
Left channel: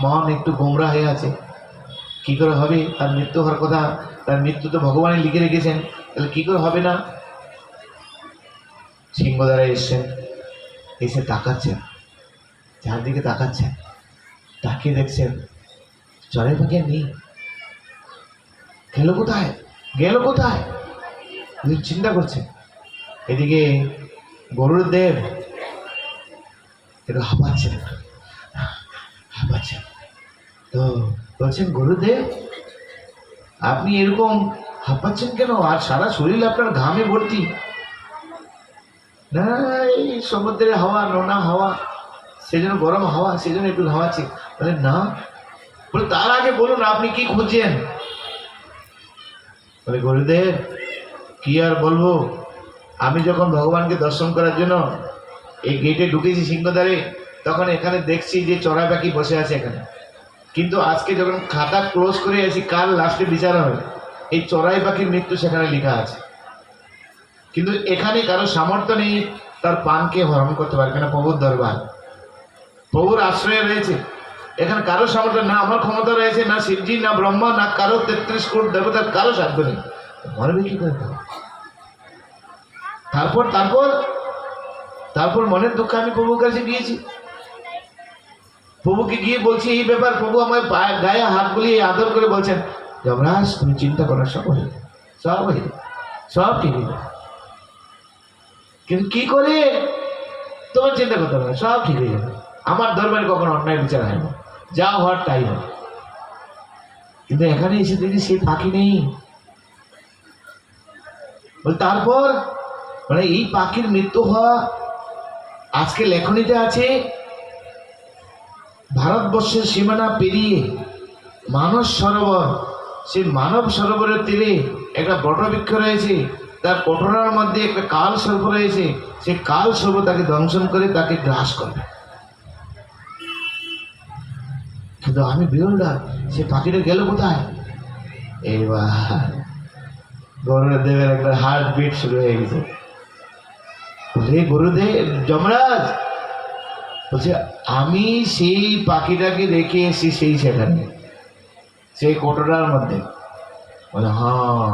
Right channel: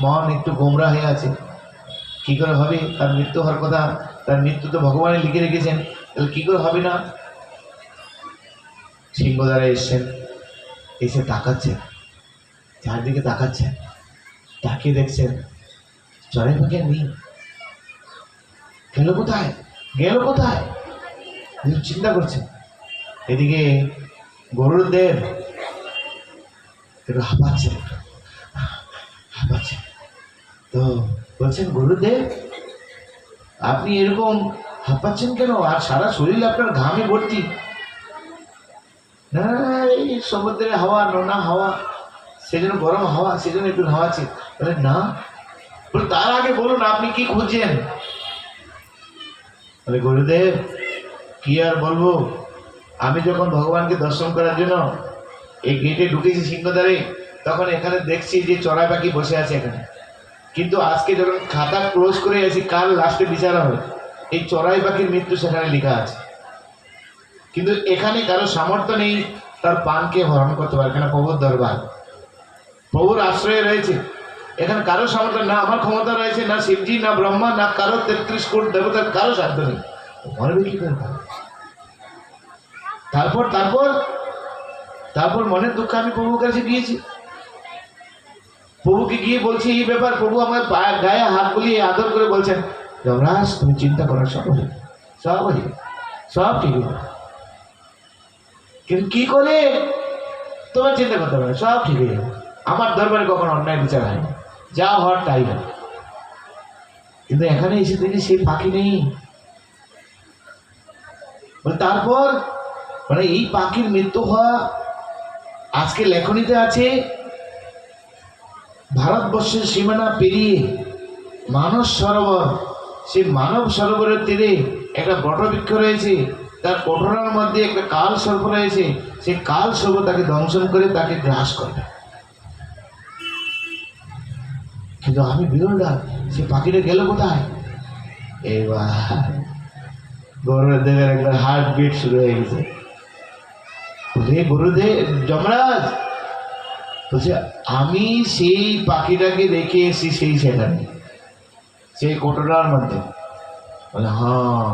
মন একটু গোমরা হয়ে আছে, কি করে হবে? তার মৃত্যু হওয়ার কথা, তার মৃত্যু তো ভগবানে লিখে রেখেছেন, তাহলে কি করে হবে না? সিংহদ্বারা এসছেন, এসে তাকাচ্ছেন, চারদিকে তাকাচ্ছেন, তাকিয়ে দেখছেন চড়াই পাখি নেই। গেল কোথায়, গেল কোথায়? চিন্তা করছেন। এদিকে গরুদেব একটু হাঁপাচ্ছেন, তো বলছেন, গুরুদেব আপনি এরকম হাঁপাচ্ছেন কেন? আর সারা শরীর আপনার ঘামে ভর্তি। না এই সমুদ্রের হাওয়া, নোনা হাওয়া, সেজন্য গরম হাওয়া, সেজন্য একটু ঘামাচ্ছে। বলে না, বলে তার আগে বলুন আপনি কি খুঁজছেন? বলে গুরুদেব কি আর বলবো, আমি যখন ভগবানকে দর্শন করার জন্য এই গেটে ঢুকেছি সিংহদ্বারে, তখন এখানে দেখছি যে চড়াই পাখি বসে আছে এখানে। কিন্তু আজকে যখন খাতা ক্লোজ করে আসি, কাল লাস্টে বিচার হবে, এই চড়াই পাখির মৃত্যু সেখানে লেখা আছে। কিন্তু এখানে কারো সামর্থ্য নেই তার পানকে হরণ করতে পারে, কেন প্রভুর দরবার, প্রভুর আশ্রয়ে রয়েছে। এখানে কারো সামর্থ্য না, আমার ক্ষমতা রয়েছে না, শিবজি না ব্রহ্মা না কারো 33 কোটি দেবতার কারো সাধ্য নেই, মরবে কি করে? তারপর তারপর তারপর মনের দুঃখ আমি প্রভুর কাছে গিয়েছি, প্রভুকে গিয়ে বলছি এই ব্যাপার। প্রভু আমার গায়ে হাত বুলিয়ে আদর করে বলছেন, যমরাজ তুমি চিন্তা করো, সব হয়ে সব ঠিক হয়ে যাবে। কিন্তু কি করে? তোমার চিন্তা করতে হবে, সব ঠিক হয়ে যাবে। আমার দরবারে কখনো অন্যায় বিচার হয়নি, যা হওয়ার তাই হয়। কিন্তু এখানে এসে দেখি সেই পাখি নেই। তারপর মানে এই পাখির মৃত্যু হওয়া আজকে লেখনীতে আছে। ভারতবর্ষের সীমানা পেরিয়ে মানস সরোবর, সেই মানব সরোবরের তীরে একটা বটবৃক্ষ রয়েছে, তার কোটরার মধ্যে একটা কাল সর্প রয়েছে। সেই কাল সর্প তাকে দংশন করে তাকে গ্রাস করবে। কিন্তু আমি বিরলটা, সে পাখিটা গেল কোথায়? এবার গরুদেবের একটা হার্ট বিট শুরু হয়ে গেছে। বলে গুরুদেব, যমরাজ বলছে, আমি সেই পাখিটাকে রেখে এসেছি সেখানে, সেই কোটরার মধ্যে। বলে হ্যাঁ,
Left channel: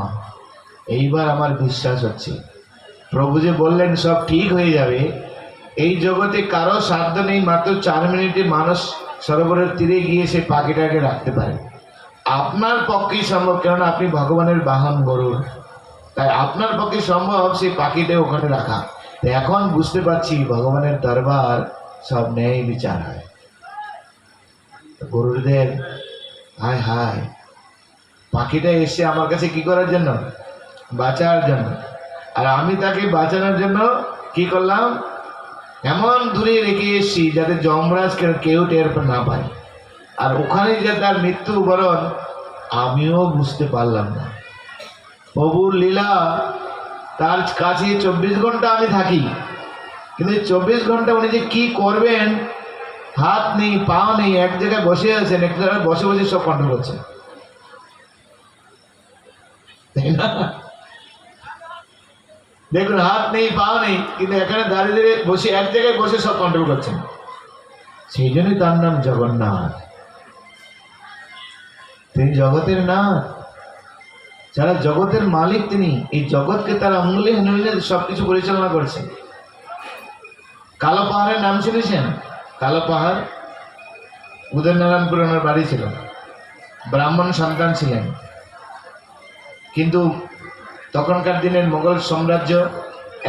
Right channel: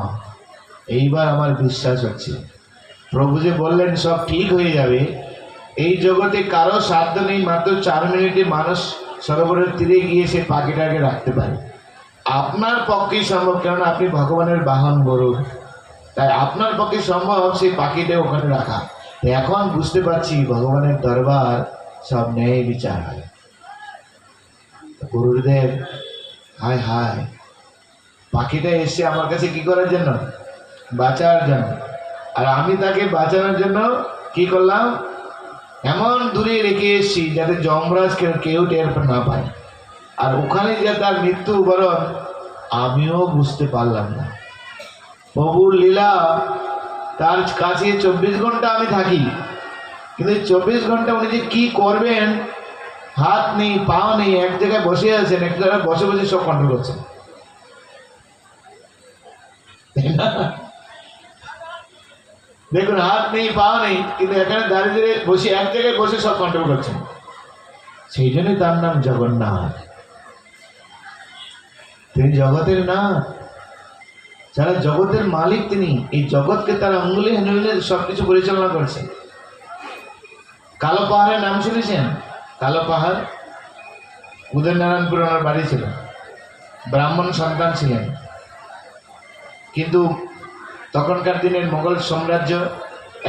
এইবার আমার বিশ্বাস হচ্ছে। প্রভু যে বললেন সব ঠিক হয়ে যাবে, এই জগতে কারো সাধ্য নেই মাত্র 4 মিনিটে মানুষ সরোবরের তীরে গিয়ে সে পাখিটাকে রাখতে পারে। আপনার পক্ষেই সম্ভব, কেননা আপনি ভগবানের বাহন গরুর, তাই আপনার পক্ষে সম্ভব সেই পাখিটা ওখানে রাখা। এখন বুঝতে পারছি ভগবানের দরবার সব ন্যায় বিচার হয়। গুরুদেব হায় হায়, পাখিটা এসে আমার কাছে কি করার জন্য? বাঁচার জন্য। আর আমি তাকে বাঁচানোর জন্য কি করলাম? এমন দূরে রেখে এসেছি যাতে যমরাজ কেউ টের না পায়। আর ওখানে যে তার মৃত্যু বরণ আমিও বুঝতে পারলাম না। প্রভুর লীলা, তার কাছে 24 ঘন্টা আমি থাকি, কিন্তু 24 ঘন্টা উনি যে কি করবেন, হাত নেই পা নেই, এক জায়গায় বসে আছেন, এক জায়গায় বসে বসে সব কন্ট্রোল করছেন, দেখুন হাত নেই পা নেই, কিন্তু এখানে দাঁড়িয়ে বসে এক জায়গায় বসে সব কন্ট্রোল করছেন। সেই জন্যই তার নাম জগন্নাথ। তিনি জগতের নাথ, যারা জগতের মালিক তিনি। এই জগৎকে তার আঙ্গুলে হেনে সবকিছু পরিচালনা করেছেন। কালো পাহাড়ের নাম শুনেছেন? কালো পাহাড়, উদয়নারায়ণপুর ওনার বাড়ি ছিল, ব্রাহ্মণ সন্তান ছিলেন। কিন্তু তখনকার দিনের মোগল সাম্রাজ্য,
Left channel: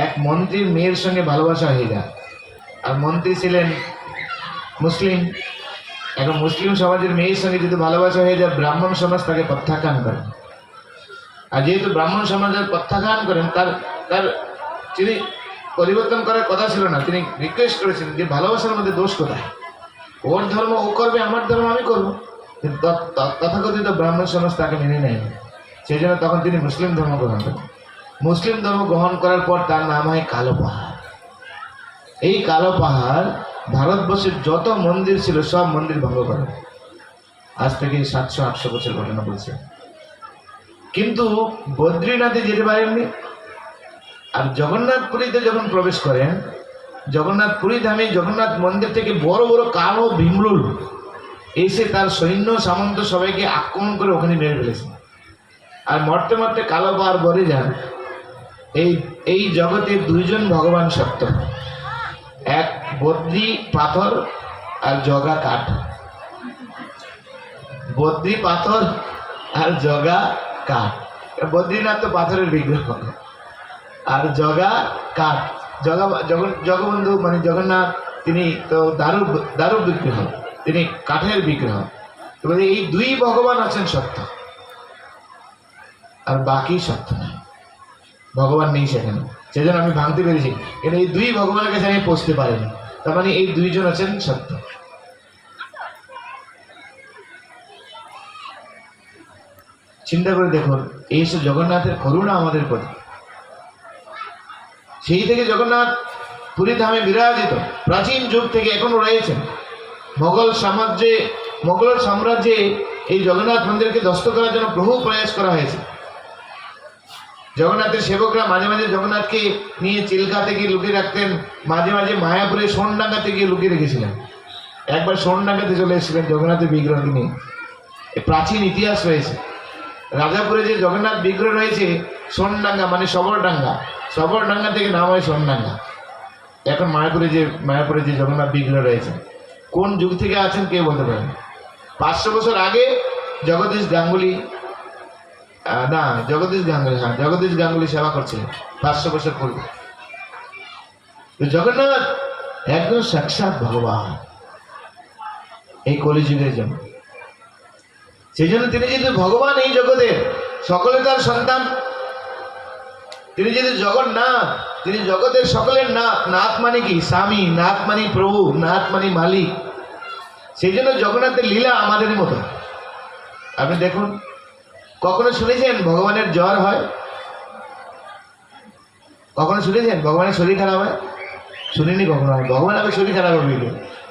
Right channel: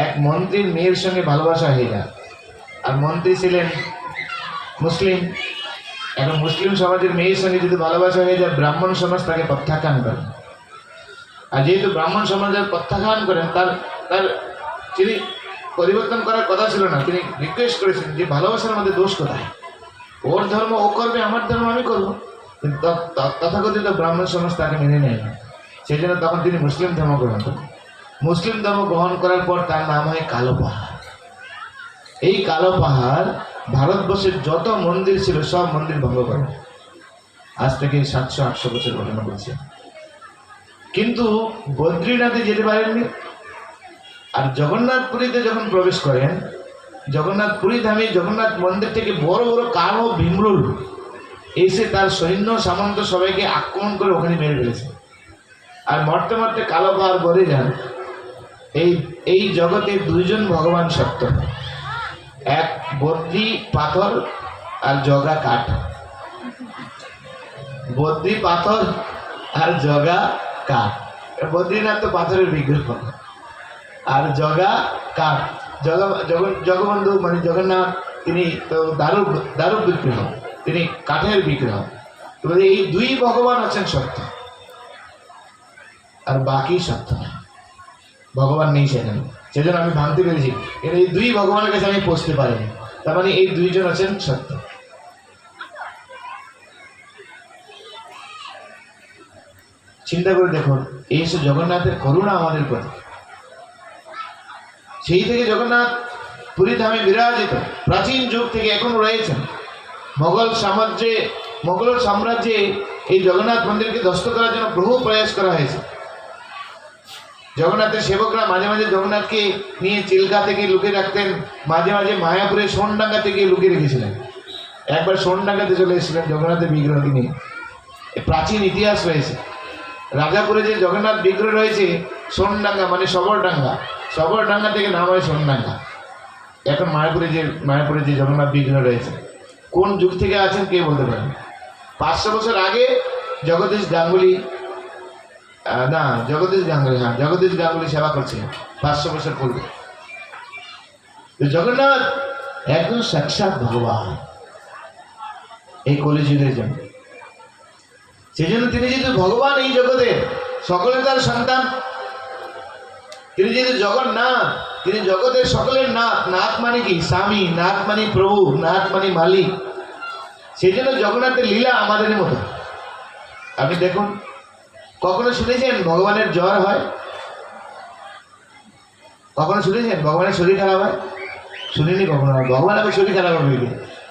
এক মন্ত্রীর মেয়ের সঙ্গে ভালোবাসা হয়ে যায়। আর মন্ত্রী ছিলেন মুসলিম। এখন মুসলিম সমাজের মেয়ের সঙ্গে যদি ভালোবাসা হয়ে যায়, ব্রাহ্মণ সমাজ তাকে প্রত্যাখ্যান করেন। আর যেহেতু ব্রাহ্মণ সমাজের প্রত্যাখ্যান করেন, তার তিনি পরিবর্তন করার কথা ছিল না। তিনি রিকোয়েস্ট করেছেন যে ভালোবাসার মধ্যে দোষ কোথায়? ওর ধর্ম ও করবে, আমার ধর্ম আমি করবো। কিন্তু তথাকথিত ব্রাহ্মণ সমাজ তাকে মেনে নেয়নি। সেই জন্য তখন তিনি মুসলিম ধর্ম গ্রহণ করেন। মুসলিম ধর্ম গ্রহণ করার পর তার নাম হয় কালো পাহাড়। এই কালো পাহাড় ভারতবর্ষের যত মন্দির ছিল সব মন্দির ভঙ্গ করে। আজ থেকে 700-800 বছর ঘটনা বলছে। কিন্তু বদ্রীনাথে যেতে পারেননি। আর জগন্নাথপুরীতে যখন প্রবেশ করেন, জগন্নাথপুরী ধামে জগন্নাথ মন্দির থেকে বড় বড় কালো ভীমরুল এসে তার সৈন্য সামন্ত সবাইকে আক্রমণ করে ওখানে মেরে ফেলেছে। আর মরতে মরতে কালো পাহাড় বলে যান, এই জগতে দুইজন ভগবান সত্য, এক বদ্রী পাথর আর জগা কাঠ। বদ্রী পাথর আর জগা কাঠ। বদ্রীনাথ তো পাথরের বিগ্রহ, আর জগা কাঠ। জগবন্ধু মানে জগন্নাথ, তিনি তো দারুর বিগ্রহ, তিনি কাঠের বিগ্রহ। তবে এই দুই ভগবান আছেন সত্য, আর বাকি সত্য না, ভগবান নেই সেখানে। সেজন্য আমি ভাঙতে পেরেছি, এটা এই দুই ভগবানের কাছে আমি পৌঁছতে পারিনি। তার মানে এই দুইজন আছেন সত্য। চিন্তা করে দেখুন, এই সব জগন্নাথের করুণা আমাদের প্রতি। সেই থেকে জগন্নাথ পুরী ধামে বিরাজিত, প্রাচীন যুগ থেকে এখনো রয়েছেন। মোগল সাম্রাজ্যে এই জগন্নাথ মন্দিরকে ধ্বস্ত করার জন্য বহু প্রয়াস করা হয়েছে। জগন্নাথের সেবকরা মাঝে মাঝে জগন্নাথকে নিয়ে চিল্কা থেকে লুকিয়ে রাখতেন, মাঝে মাঝে মায়াপুরে সোনডাঙ্গা থেকে গিয়ে রেখেছিলেন। একবার সোনডাঙ্গাতে চলে এসেছিলেন জগন্নাথের বিগ্রহকে নিয়ে। প্রাচীন ইতিহাস রয়েছে। রাজাপুরে যে জগন্নাথ বিগ্রহ রয়েছে, সোনডাঙ্গা মানে সবরডাঙ্গা, সবরডাঙ্গা থেকে নাম হয় সোনডাঙ্গা। এখন মায়াপুরে যে জগন্নাথ বিগ্রহ রয়েছে, কোন যুগ থেকে আছেন কে বলতে পারেন? 500 বছর আগে জগদীশ গাঙ্গুলি সেবা করছিলেন 500 বছর পূর্বে। জগন্নাথ একদম সাক্ষাৎ ভগবান এই কলিযুগের জন্য। সেই জন্য তিনি যেহেতু ভগবান এই জগতের, সকলে তার সন্তান। তিনি যেহেতু জগন্নাথ, তিনি জগতের সকলের নাথ। নাথ মানে কি? স্বামী। নাথ মানে প্রভু, নাথ মানে মালিক। সেই জন্য জগন্নাথের লীলা আমাদের মতো। আপনি দেখুন, কখনো শুনেছেন ভগবানের জ্বর হয়? কখনো শুনেছেন ভগবানের শরীর খারাপ হয়? শুনিনি কখনো। ভগবান আবার শরীর খারাপ হবে কি?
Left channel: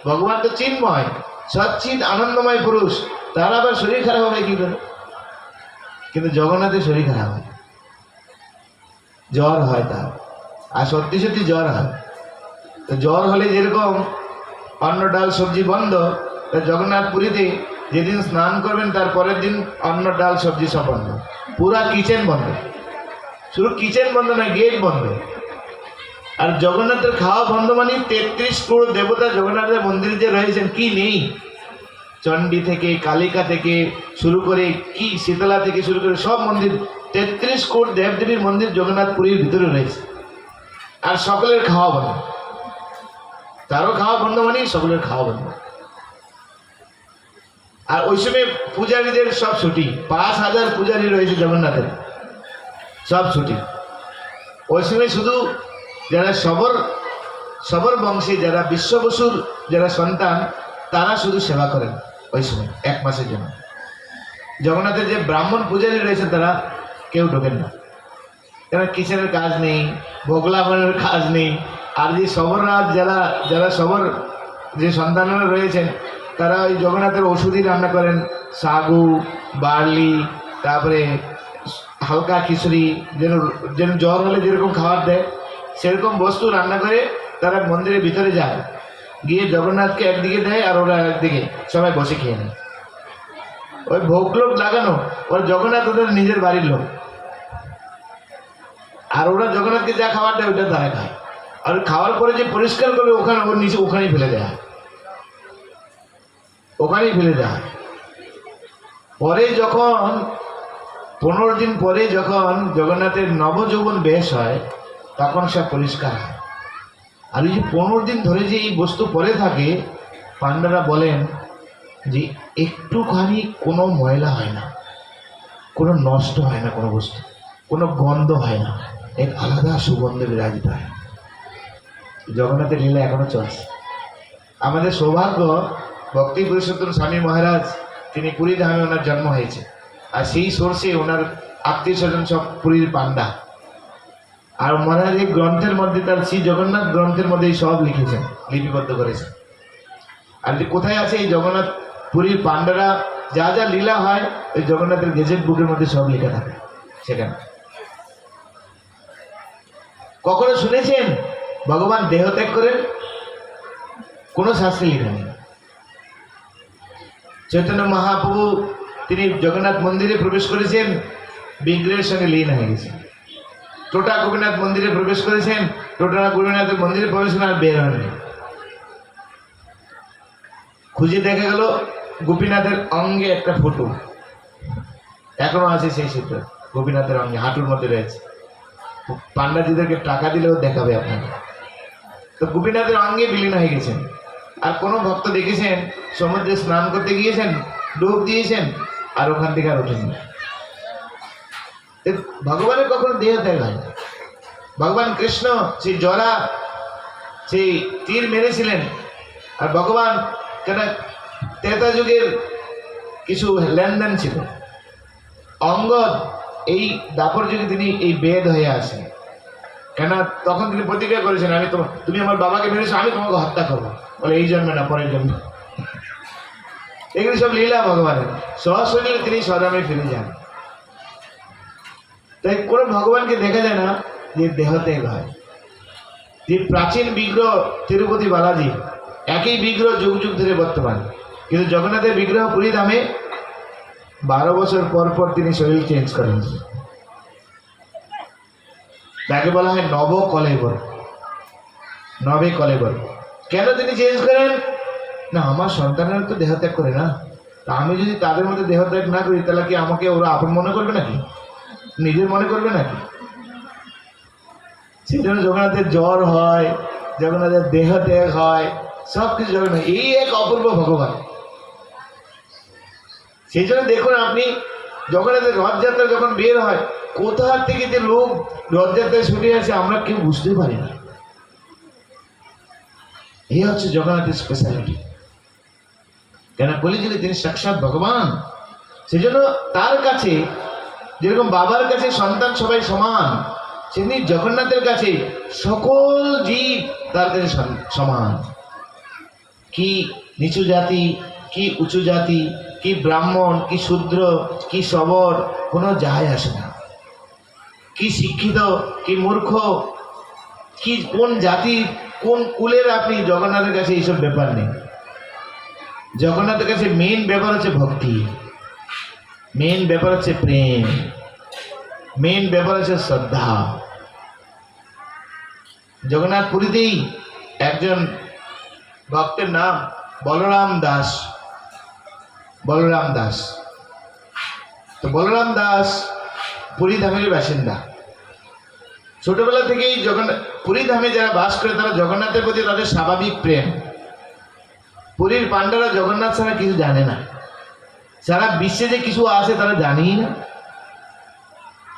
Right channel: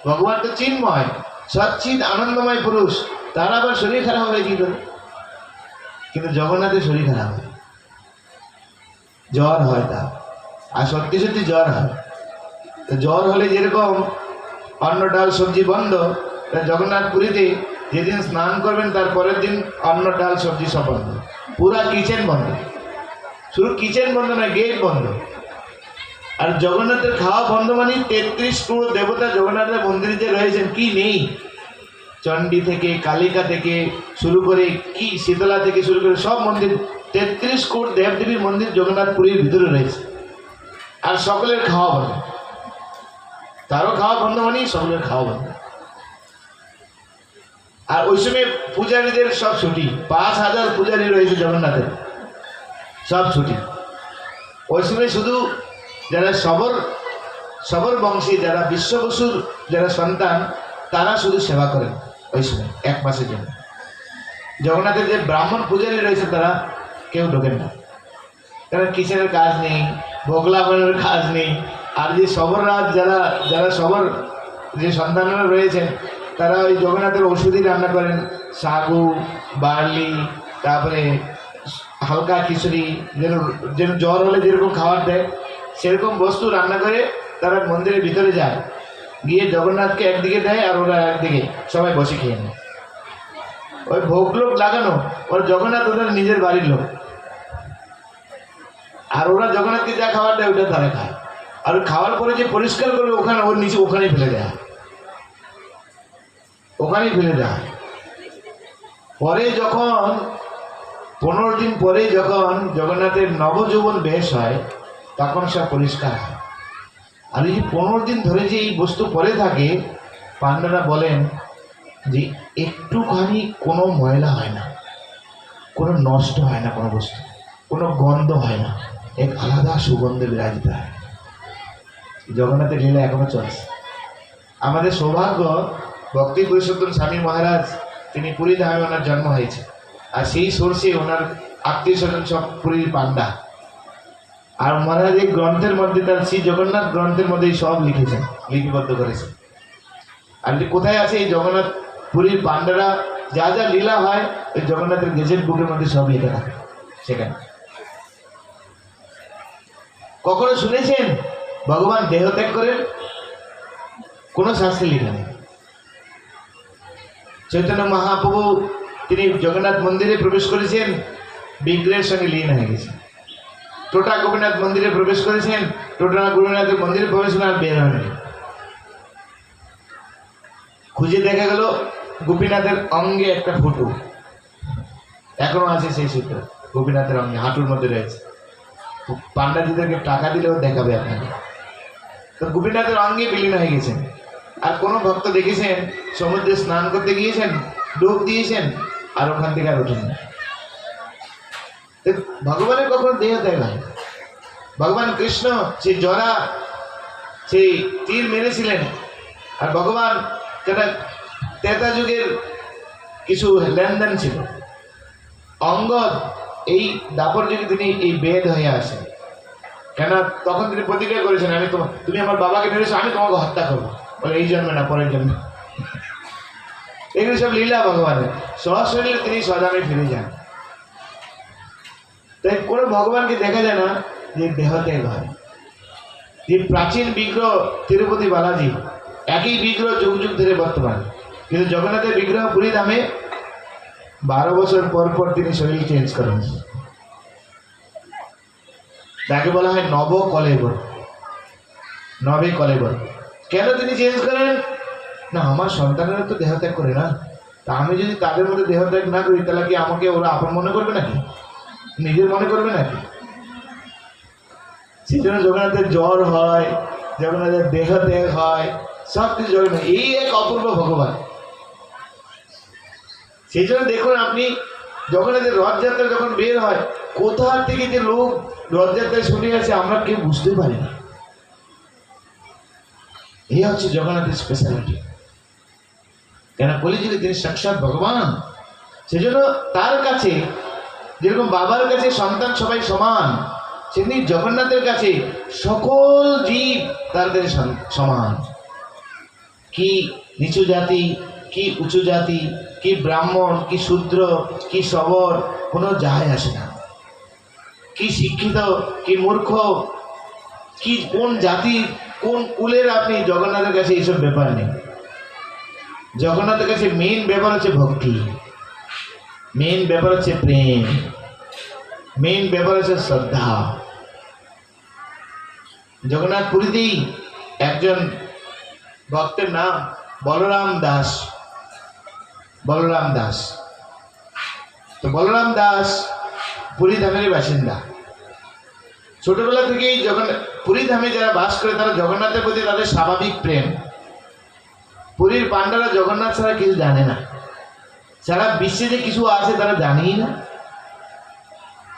ভগবান তো চিন্ময়, সচ্চিৎ আনন্দময় পুরুষ, তার আবার শরীর খারাপ হবে কি করে? কিন্তু জগন্নাথের শরীর খারাপ হয়, জ্বর হয় তার। আর সত্যি সত্যি জ্বর হয়। তো জ্বর হলে যেরকম অন্ন ডাল সবজি বন্ধ, জগন্নাথ পুরীতে যেদিন স্নান করবেন তার পরের দিন অন্ন ডাল সবজি সব বন্ধ, পুরা কিচেন বন্ধ। শুধু কিচেন বন্ধ নয়, গেট বন্ধ। আর জগন্নাথের খাওয়া বন্ধ মানে 33 ক্রোড় দেবতা জগন্নাথের মন্দিরে যে রয়েছেন, কি নেই? চণ্ডী থেকে, কালিকা থেকে শুরু করে, কি শীতলা থেকে শুরু করে সব মন্দির, 33 কোটি দেবদেবীর মন্দির জগন্নাথ পুরীর ভিতরে রয়েছে। আর সকলের খাওয়া বন্ধ। তারও খাওয়া বন্ধ মানে সকলের খাওয়া বন্ধ। আর ওই সময় পূজারীদের সব ছুটি। 5000 পূজারী রয়েছে জগন্নাথের, সব ছুটি। ওই সময় শুধু যারা সবর বংশে, যারা বিশ্ববসুর যারা সন্তান, তারা শুধু সেবা করেন ওই সময় 1 মাসের জন্য। জগন্নাথের যে ব্রাহ্মণ পূজারী রয়েছে তারা কেউ ঢোকেন না। তারা কিচেনের কাজ নেই, ভোগ লাগানোর কাজ নেই। আর যে সবররাজ যারা সবর যে সন্তানরা রয়েছেন, তারা ওই জগন্নাথের ওষুধই রান্না করেন। সাগু, বার্লি, তারপরে হালকা খিচুড়ি, যেন জ্বর হলে যেরকম খাবার দেয় সেরকম বস্তু রান্না করে তারা মন্দিরের ভিতরে যায়, গিয়ে জগন্নাথকে একদিকে দেয় আর ওরা একদিকে, সবাই বসে খেয়ে নেয়। ওই ভোগ লোক লাগানো, ওর জগন্নাথ ওদের নিজের বাড়ির লোক। আর ওরা জগন্নাথকে যা খাবার দেয় ওটা তারা খায়। আর খাওয়ার পরে যে পরিষ্কার করবে ওখানে, ওর নিচে ওখানেই ফেলে দেয়, ওখানেই ফেলে দেয়। পরে যখন 15 দিন পরে যখন জগন্নাথের নবযৌবন বেশ হয়, তখন সব পরিষ্কার হয়। আর এই যে 15 দিন ধরে যে এই বস্তু পরে থাকে, পান্ডারা বলেন যে একটুখানি কোনো ময়লা হয় না, কোনো নষ্ট হয় না, কোনো বস্তু, কোনো গন্ধ হয় না, এক আলাদা সুগন্ধে বিরাজিত হয়। জগন্নাথের লীলা এখনো চলছে। আমাদের সৌভাগ্য, ভক্তি পুরুষোত্তম স্বামী মহারাজ তিনি পুরী ধামে ওনার জন্ম হয়েছে, আর সেই সোর্সে ওনার আত্মীয় স্বজন সব পুরীর পান্ডা। আর মহারাজ এই গ্রন্থের মধ্যে, তার শ্রী জগন্নাথ গ্রন্থের মধ্যে সব লিখেছেন, লিপিবদ্ধ করেছেন। আর কোথায় আছে এই জগন্নাথ পুরীর পান্ডারা যা যা লীলা হয়, ওই জগন্নাথের গেজেট বুকের মধ্যে সব লেখা থাকে সেখানে। কখনো শুনেছেন ভগবান দেহত্যাগ করেন? কোনো শাস্ত্রে লেখা নেই। চৈতন্য মহাপ্রভু তিনি জগন্নাথ মন্দিরে প্রবেশ করেছেন, বিগ্রহের সঙ্গে লীন হয়ে গেছেন। টোটা গোপীনাথ মন্দিরে প্রবেশ করেছেন, টোটা গোপীনাথের মন্দিরে প্রবেশ আর বের হননি। খুঁজে দেখা গেল গোপীনাথের অঙ্গে একটা ফটো এখনো আছে, সেই সূত্র গোপীনাথের অঙ্গে হাঁটুর মধ্যে রয়েছে। পান্ডাজিদেরকে টাকা দিলেও দেখাবে আপনাকে। তো গোপীনাথের অঙ্গে বিলীন হয়ে গেছেন। আর কোনো ভক্ত দেখেছেন সমুদ্রে স্নান করতে গিয়েছেন, ডুব দিয়েছেন, আর ওখান থেকে আর ওঠেন না। ভগবানের কখনো দেহ ত্যাগ হয়। ভগবান কৃষ্ণ সেই জরা সেই তীর মেরেছিলেন, আর ভগবান কেন ত্রেতা যুগের কিছু লেনদেন ছিল। অঙ্গদ এই দাপর যুগে তিনি এই বেদ হয়ে আসেন, কেন তখন তিনি প্রতিজ্ঞা করেছেন, আমি তুমি আমার বাবাকে মেরেছো, আমি তোমাকে হত্যা করবো, বলে এই জন্মে না পরের জন্মে। এগুলি সব লীলা ভগবানের। সশরীরে তিনি সদামে ফিরে যান। তাই কোনো ভগবানকে দেখা যায় না যে দেহত্যাগ হয়। যে প্রাচীন বিগ্রহ তিরুপতি বালাজি, একই বিগ্রহ যুগ যুগ ধরে বর্তমান, কিন্তু জগন্নাথের বিগ্রহ পুরী ধামে 12 বছর পর পর তিনি শরীর চেঞ্জ করেন। তাকে বলা হয় নবকলেবর, নবে কলেবর। কেন তিনি চেঞ্জ করেন? না, আমার সন্তানেরা তো দেহত্যাগ করে না, তা আমি যদি তাদের মধ্যে দেহত্যাগ না করি, তাহলে কি আমাকে ওরা আপন মনে করবে নাকি, নিজের মনে করবে নাকি? সেই জন্য জগন্নাথের জ্বর হয়, জগন্নাথের দেহত্যাগ হয়, সব কিছু জগন্নাথ। এই এক অপূর্ব ভগবান। সেই জন্য দেখুন আপনি জগন্নাথের রথযাত্রা যখন বের হয়, কোথা থেকে যে লোক রথযাত্রায় ছুটে আসে আমরা কেউ বুঝতে পারি না। এই হচ্ছে জগন্নাথের স্পেশালিটি। কেন কলিযুগে তিনি সাক্ষাৎ ভগবান। সেজন্য তার কাছে যেরকম বাবার কাছে সন্তান সবাই সমান, সেমনি জগন্নাথের কাছে সকল জীব তার কাছে সমান। কি নিচু জাতি, কি উঁচু জাতি, কি ব্রাহ্মণ, কি শূদ্র, কি সবর, কোনো যায় আসে না। কি শিক্ষিত, কি মূর্খ, কি কোন জাতি, কোন কুলের, আপনি জগন্নাথের কাছে এইসব ব্যাপার নেই। জগন্নাথের কাছে মেইন ব্যাপার হচ্ছে ভক্তি, মেইন ব্যাপার হচ্ছে প্রেম, মেইন ব্যাপার হচ্ছে শ্রদ্ধা। জগন্নাথ পুরীতেই একজন ভক্তের নাম বলরাম দাস। বলরাম দাস, তো বলরাম দাস পুরী ধামের বাসিন্দা। ছোটবেলা থেকেই জগন্নাথ পুরী ধামে যারা বাস করে তারা জগন্নাথের প্রতি তাদের স্বাভাবিক প্রেম। পুরীর পান্ডারা জগন্নাথ ছাড়া কিছু জানে না, সারা বিশ্বে যে কিছু আছে তারা জানেই না।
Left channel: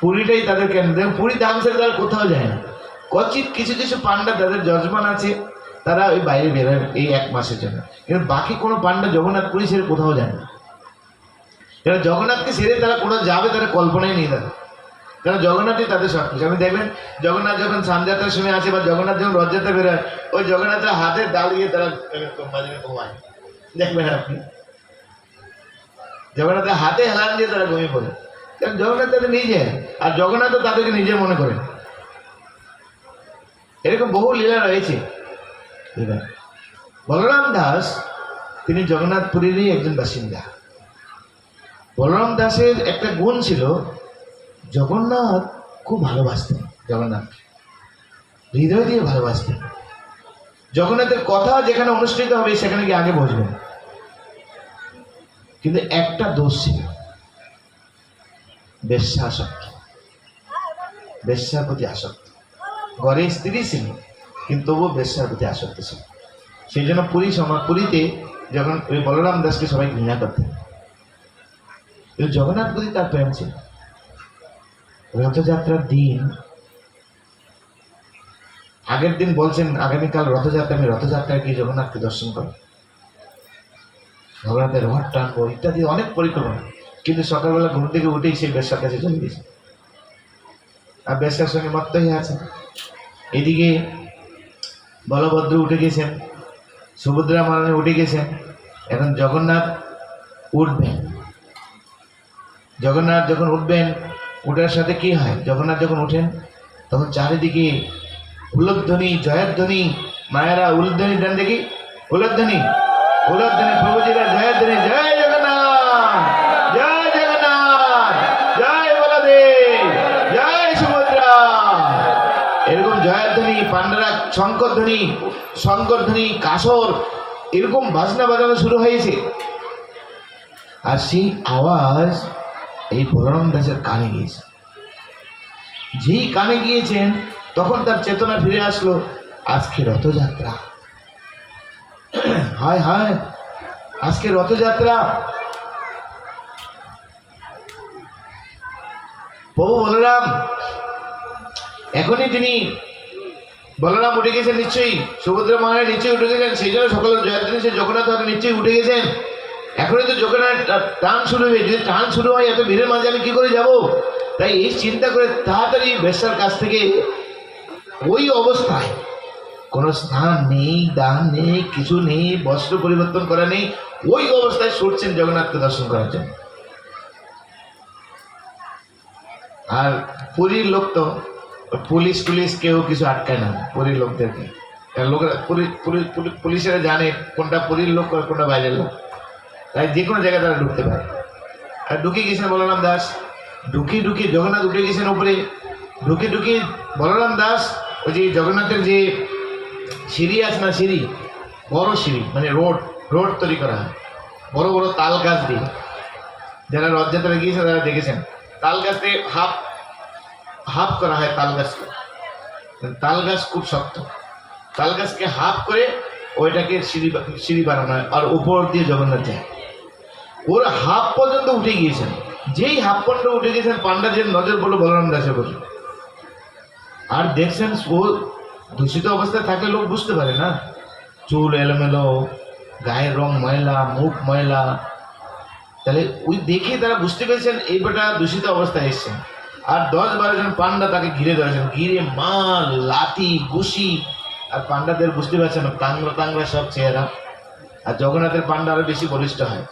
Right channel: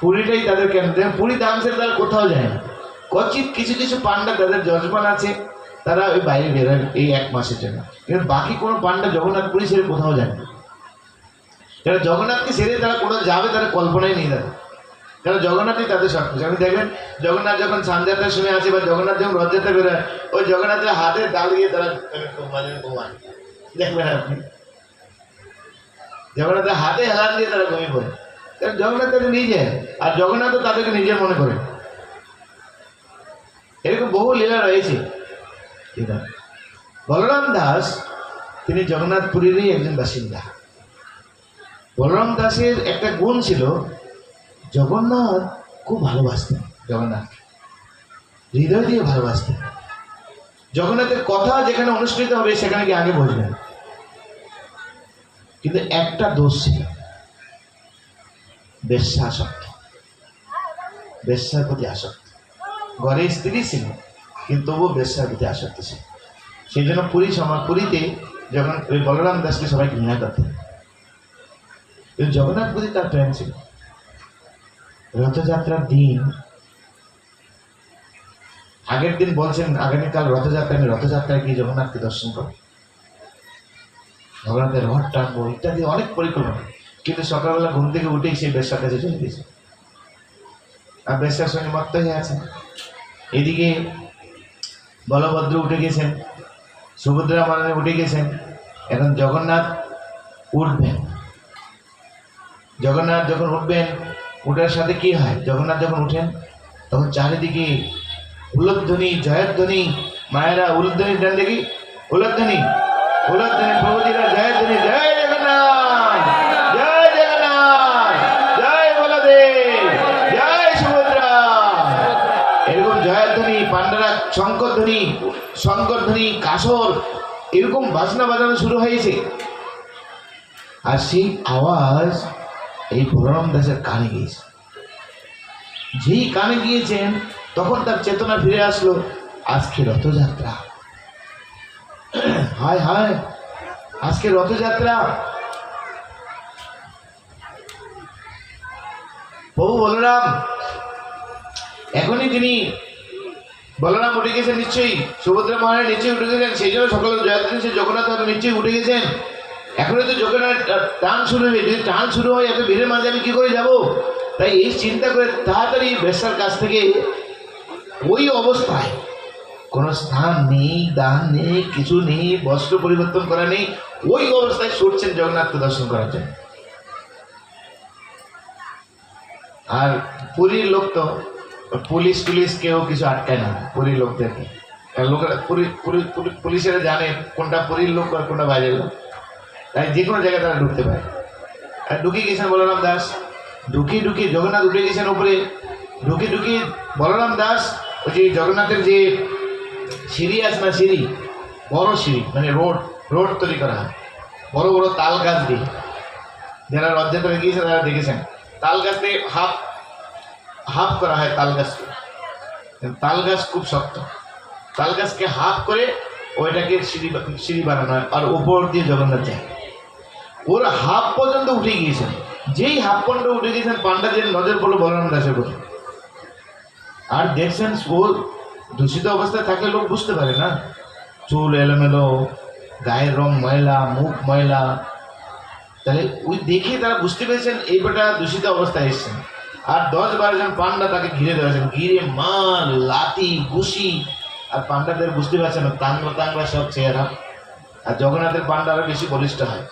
পুরীটাই তাদের কেন্দ্র। পুরী ধাম ছেড়ে তারা কোথাও যায় না। কচিত কিছু কিছু পান্ডা যাদের যজমান আছে তারা ওই বাইরে বেরোয় এই 1 মাসের জন্য, কিন্তু বাকি কোনো পান্ডা জগন্নাথ পুরী ছেড়ে কোথাও যায় না। এরা জগন্নাথকে ছেড়ে তারা কোথাও যাবে তারা কল্পনায় নেই তাদের, কারণ জগন্নাথই তাদের সব কিছু। আপনি দেখবেন জগন্নাথ যখন সানযাত্রার সময় আছে বা জগন্নাথ যখন রথযাত্রা বেরোয়, ওই জগন্নাথের হাতে দাঁড়িয়ে তারা ঘুমায়। দেখবেন আপনি জগন্নাথের হাতে হেলান দিয়ে তারা ঘুমিয়ে পড়ে, কারণ জগন্নাথ তাদের নিজে, আর জগন্নাথও তাদেরকে নিজে মনে করে। এরকম বহু লীলা রয়েছে। বলরাম দাস তিনি জগন্নাথ পুরীরই একজন বাসিন্দা। বলরাম দাসের একটা গুণ ছিল, জগন্নাথ খুব ভালোবাসতেন, জগন্নাথ হৃদয় দিয়ে ভালোবাসতেন। জগন্নাথের কথা যেখানে অনুষ্ঠিত হবে সেখানে গিয়ে আগে বসবেন। কিন্তু একটা দোষ ছিল, বেশ্যাসক্ত, বেশ্যার প্রতি আসক্ত। ঘরে স্ত্রী ছিল কিন্তু তবুও বেশ্যার প্রতি আসক্ত ছিল। সেই জন্য পুরীতে যখন ওই বলরাম দাসকে সবাই ঘৃণা করতেন, কিন্তু জগন্নাথ প্রতি তার প্রেম ছিল। রথযাত্রার দিন, আগের দিন বলছেন আগামীকাল রথযাত্রা, আমি রথযাত্রায় গিয়ে জগন্নাথকে দর্শন করব। জগন্নাথের রথ টানবো ইত্যাদি অনেক পরিকল্পনা, কিন্তু সকালবেলা ঘুম থেকে উঠেই সেই বেশ্যার কাছে চলে গেছে, আর বেশ্যার সঙ্গে মত্ত হয়ে আছে। এদিকে বলভদ্র উঠে গেছেন, সুভদ্রা মহারানী উঠে গেছেন। এখন জগন্নাথ উঠবেন। জগন্নাথ যখন উঠবেন, উঠার সাথে কি হয়, জগন্নাথ যখন উঠেন তখন চারিদিকে উলধ্বনি, জয়ের ধ্বনি। মায়েরা উলধ্বনি দেন দেখি, উলধ্বনি, উলধ্বনি, প্রভুজিরা জয়ের ধ্বনি, জয় জগন্নাথ, জয় জগন্নাথ, জয় বলদেব, জয় সুভদ্রা, এরকম জয়ের ধ্বনি, পান্ডারা শঙ্কর ধ্বনি, শঙ্কর ধ্বনি, কাসর, এরকম বাজনা বাজানো শুরু হয়েছে। আর সেই আওয়াজ এই বলরাম দাসের কানে গিয়েছে। যেই কানে গিয়েছেন তখন তার চেতনা ফিরে আসলো, আজকে রথযাত্রা, হায় হায় আজকে রথযাত্রা। প্রভু বলরাম এখনই তিনি, বলরাম উঠে গেছেন নিশ্চয়ই, সুভদ্রা মহারাজ নিশ্চয়ই উঠে গেছেন, সেই জন্য সকল জয়দ্রী জগন্নাথ নিশ্চয়ই উঠে গেছেন। এখনই তো জগন্নাথ টান শুরু হবে, যদি টান শুরু হয় এত ভিড়ের মাঝে আমি কি করে যাব? তাই এই চিন্তা করে তাড়াতাড়ি বেশ্যার কাছ থেকে ওই অবস্থায়, কোনো স্নান নেই, দান নেই, কিছু নেই, বস্ত্র পরিবর্তন করা নেই, ওই অবস্থায় ছুটছেন জগন্নাথকে দর্শন করার জন্য। আর পুরীর লোক তো পুলিশ টুলিশ কেউ কিছু আটকায় না পুরীর লোকদেরকে, লোকেরা পুলিশেরা জানে কোনটা পুরীর লোক আর কোনটা বাইরের লোক, তাই যে কোনো জায়গায় তারা ঢুকতে পারে। আর ঢুকে গেছেন বলরাম দাস, ঢুকি জগন্নাথ উঠে গেছেন উপরে, ঢুকি বলরাম দাস ওই যে জগন্নাথের যে সিঁড়ি আছে না, সিঁড়ি, বড় সিঁড়ি, মানে রোড তৈরি করা হয় বড় বড় তাল গাছ দিয়ে, যারা রথযাত্রা গিয়েছে তারা দেখেছেন, তাল গাছ দিয়ে হাফ করা হয় তাল গাছকে, তাল গাছ খুব শক্ত, তাল গাছকে হাফ করে ওইটাকে সিঁড়ি বানানো হয়, আর উপর দিয়ে জগন্নাথ যায়। ওরা হাফ পর্যন্ত উঠে গিয়েছেন, যেই হাফ পর্যন্ত উঠে গিয়েছেন পান্ডাদের নজর পড়লো বলরাম দাসের উপর। আর দেখছেন ও দূষিত অবস্থায় থাকলে লোক বুঝতে পারে না, চুল এলোমেলো, গায়ের রং ময়লা, মুখ ময়লা, তাহলে ওই দেখে তারা বুঝতে পেরেছেন এই বেটা দূষিত অবস্থায় এসছেন। আর 10-12 জন পান্ডা তাকে ঘিরে ধরেছেন, ঘিরে মাল, লাঠি, ঘুষি, আর পান্ডাদের বুঝতে পারছেন না, টাংরা সব চেহারা। আর জগন্নাথের পান্ডা আরো বেশি বলিষ্ঠ হয়,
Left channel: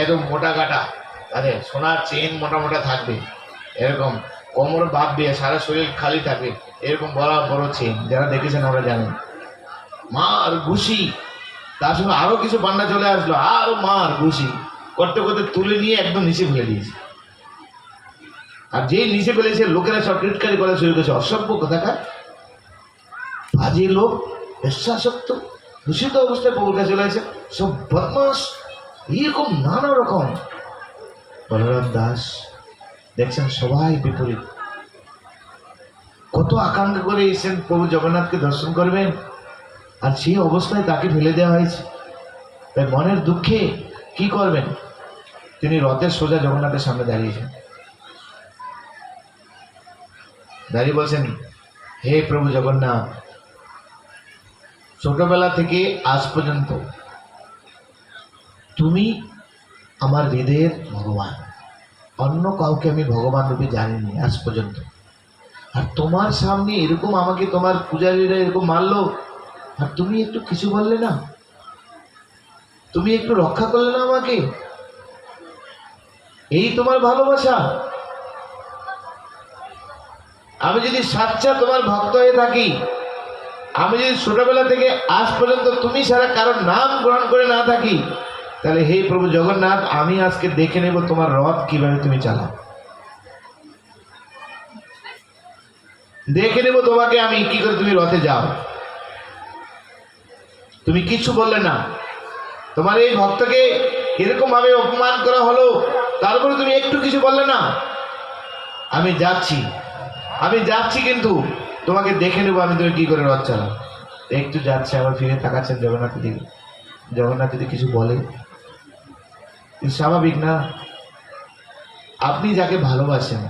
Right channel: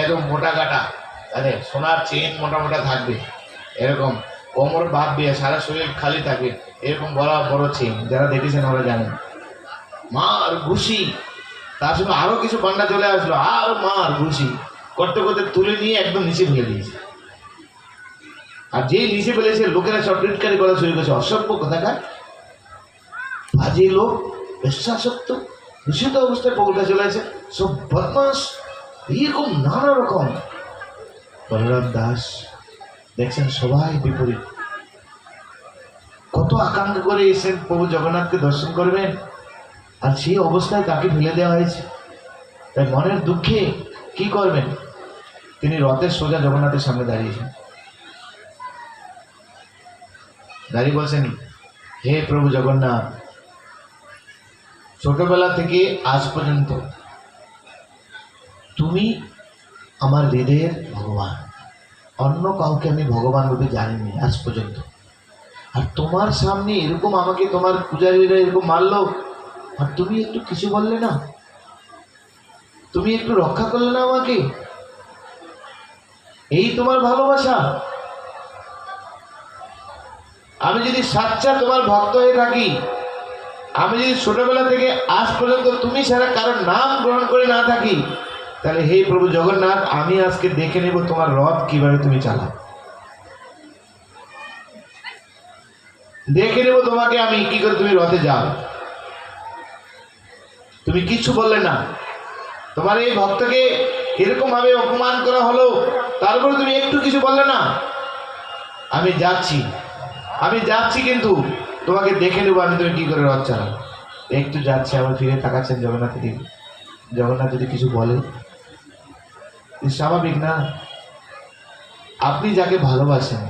একদম মোটা কাটা, আরে সোনার চেন মোটা মোটা থাকবে, এরকম কোমর বাদ দিয়ে সারা শরীর খালি থাকবে, এরকম বড় বড় চেন, যারা দেখেছেন আমরা জানেন। মার ঘুষি, তার সঙ্গে আরো কিছু পান্ডা চলে আসলো, আর মার ঘুষি করতে করতে তুলে নিয়ে একদম নিচে ফেলে দিয়েছে। আর যেই নিচে ফেলেছে লোকেরা সব টিটকারি করা শুরু করেছে, অসভ্য কোথাকার, বাজে লোক, বিশ্বাসত্ব, দূষিত অবস্থায় প্রভুটা চলে আসে, সব বদমাস, এরকম নানা রকম। বলরাম দাস দেখছেন সবাই বিপরীত, কত আকাঙ্ক্ষা করে এসেছেন প্রভু জগন্নাথকে দর্শন করবেন, আর সেই অবস্থায় তাকে ফেলে দেওয়া হয়েছে। তাই মনের দুঃখে কি করবেন, তিনি রথের সোজা জগন্নাথের সামনে দাঁড়িয়েছেন, দাঁড়িয়ে বলছেন, হে প্রভু জগন্নাথ, ছোটবেলা থেকে আজ পর্যন্ত তুমি আমার হৃদয়ের ভগবান, অন্য কাউকে আমি ভগবান রূপে জানিনি আজ পর্যন্ত। আর তোমার সামনে এরকম আমাকে তোমার পূজারীরা এরকম মারলো, আর তুমি একটু কিছু বললে না, তুমি একটু রক্ষা করলে না আমাকে, এই তোমার ভালোবাসা। আমি যদি সাচ্চা তোমার ভক্ত হয়ে থাকি, আমি যদি ছোটবেলা থেকে আজ পর্যন্ত তুমি ছাড়া কারোর নাম গ্রহণ করে না থাকি, তাহলে হে প্রভু জগন্নাথ, আমি আজকে দেখে নেব তোমার রথ কিভাবে তুমি চালাও, দেখে নেব তোমাকে আমি কি করে তুমি রথে যাও। তুমি কিছু বললে না, তোমার এই ভক্তকে এরকম ভাবে অপমান করা হলো, তারপরে তুমি একটু কিছু বললে না। আমি যাচ্ছি কিন্তু তোমাকে দেখে নেবো আমি তুমি কি করে রথ চালাও। একটু যাচ্ছে, আবার ফিরে তাকাচ্ছেন জগন্নাথের দিকে। জগন্নাথ যদি কিছু বলে, স্বাভাবিক না, আপনি যাকে ভালোবাসেন,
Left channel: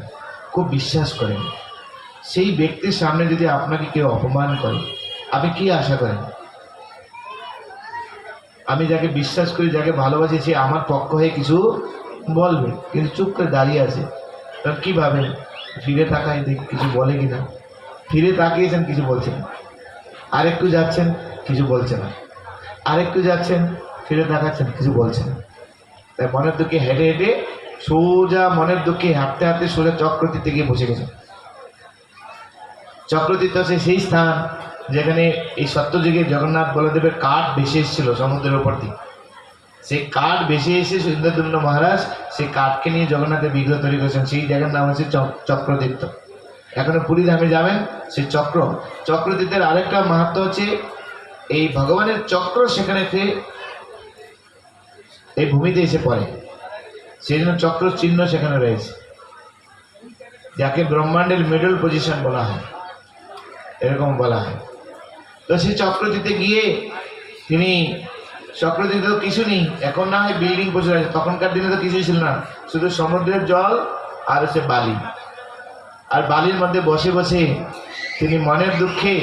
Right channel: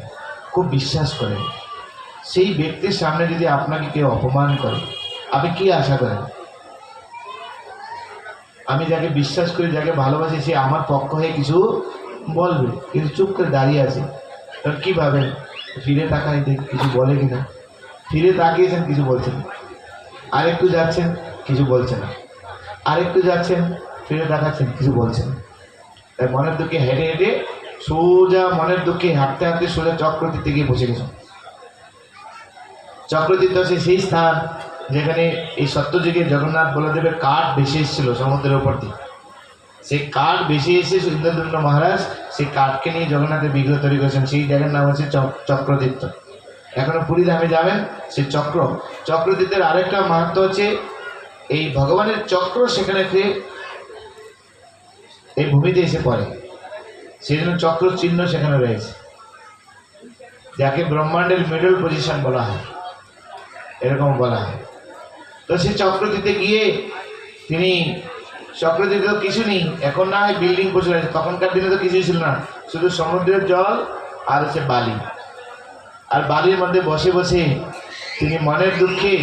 খুব বিশ্বাস করেন, সেই ব্যক্তির সামনে যদি আপনাকে কেউ অপমান করে, আপনি কি আশা করেন? আমি যাকে বিশ্বাস করি, যাকে ভালোবাসি, সে আমার পক্ষ হয়ে কিছু বলবে, কিন্তু চুপ করে দাঁড়িয়ে আছে। তখন কী ভাবেন? ফিরে তাকায় দেখ কিছু বলে কিনা। ফিরে তাকিয়েছেন, কিছু বলছেন। আরেকটু যাচ্ছেন, কিছু বলছে না। আরেকটু যাচ্ছেন, ফিরে তাকাচ্ছেন, কিছু বলছেন না। তাই মনের দুঃখে হেঁটে হেঁটে সোজা, মনের দুঃখে হাঁটতে হাঁটতে সোজা চক্রতীর্থে গিয়ে বসে গেছেন। চক্রতীর্থ হচ্ছে সেই স্থান যেখানে এই সত্যযুগে জগন্নাথ বলদেবের কাঠ ভেসে এসেছিল সমুদ্রের উপর দিয়ে। সেই কাঠ ভেসে এসে ইন্দ্রদ্যুম্ন মহারাজ সেই কাঠকে নিয়ে জগন্নাথের বিগ্রহ তৈরি করেছেন। সেই জায়গার নাম হচ্ছে চক্রতীর্থ। এখনো পুরী ধামে যাবেন, সেই চক্রতীর্থের আরেকটা মাহাত্ম্য হচ্ছে এই ভগবানের চক্র সেখানে এই ভূমিতে এসে পড়ে, সেই জন্য চক্র চিহ্ন সেখানে রয়েছে, যাকে ব্রহ্মাণ্ডের মিডল পজিশন বলা হয়, এরকম বলা হয়। তো সেই চক্রতীর্থে গিয়ে তিনি, চক্রতীর্থে তো কিছু নেই এখন, না হয় বিল্ডিং প্রচুর আছে, তখনকার দিনে তো কিছুই ছিল না, শুধু সমুদ্রের জল আর হচ্ছে বালি। আর বালির মধ্যে বসে বসে তিনি মনের দুঃখে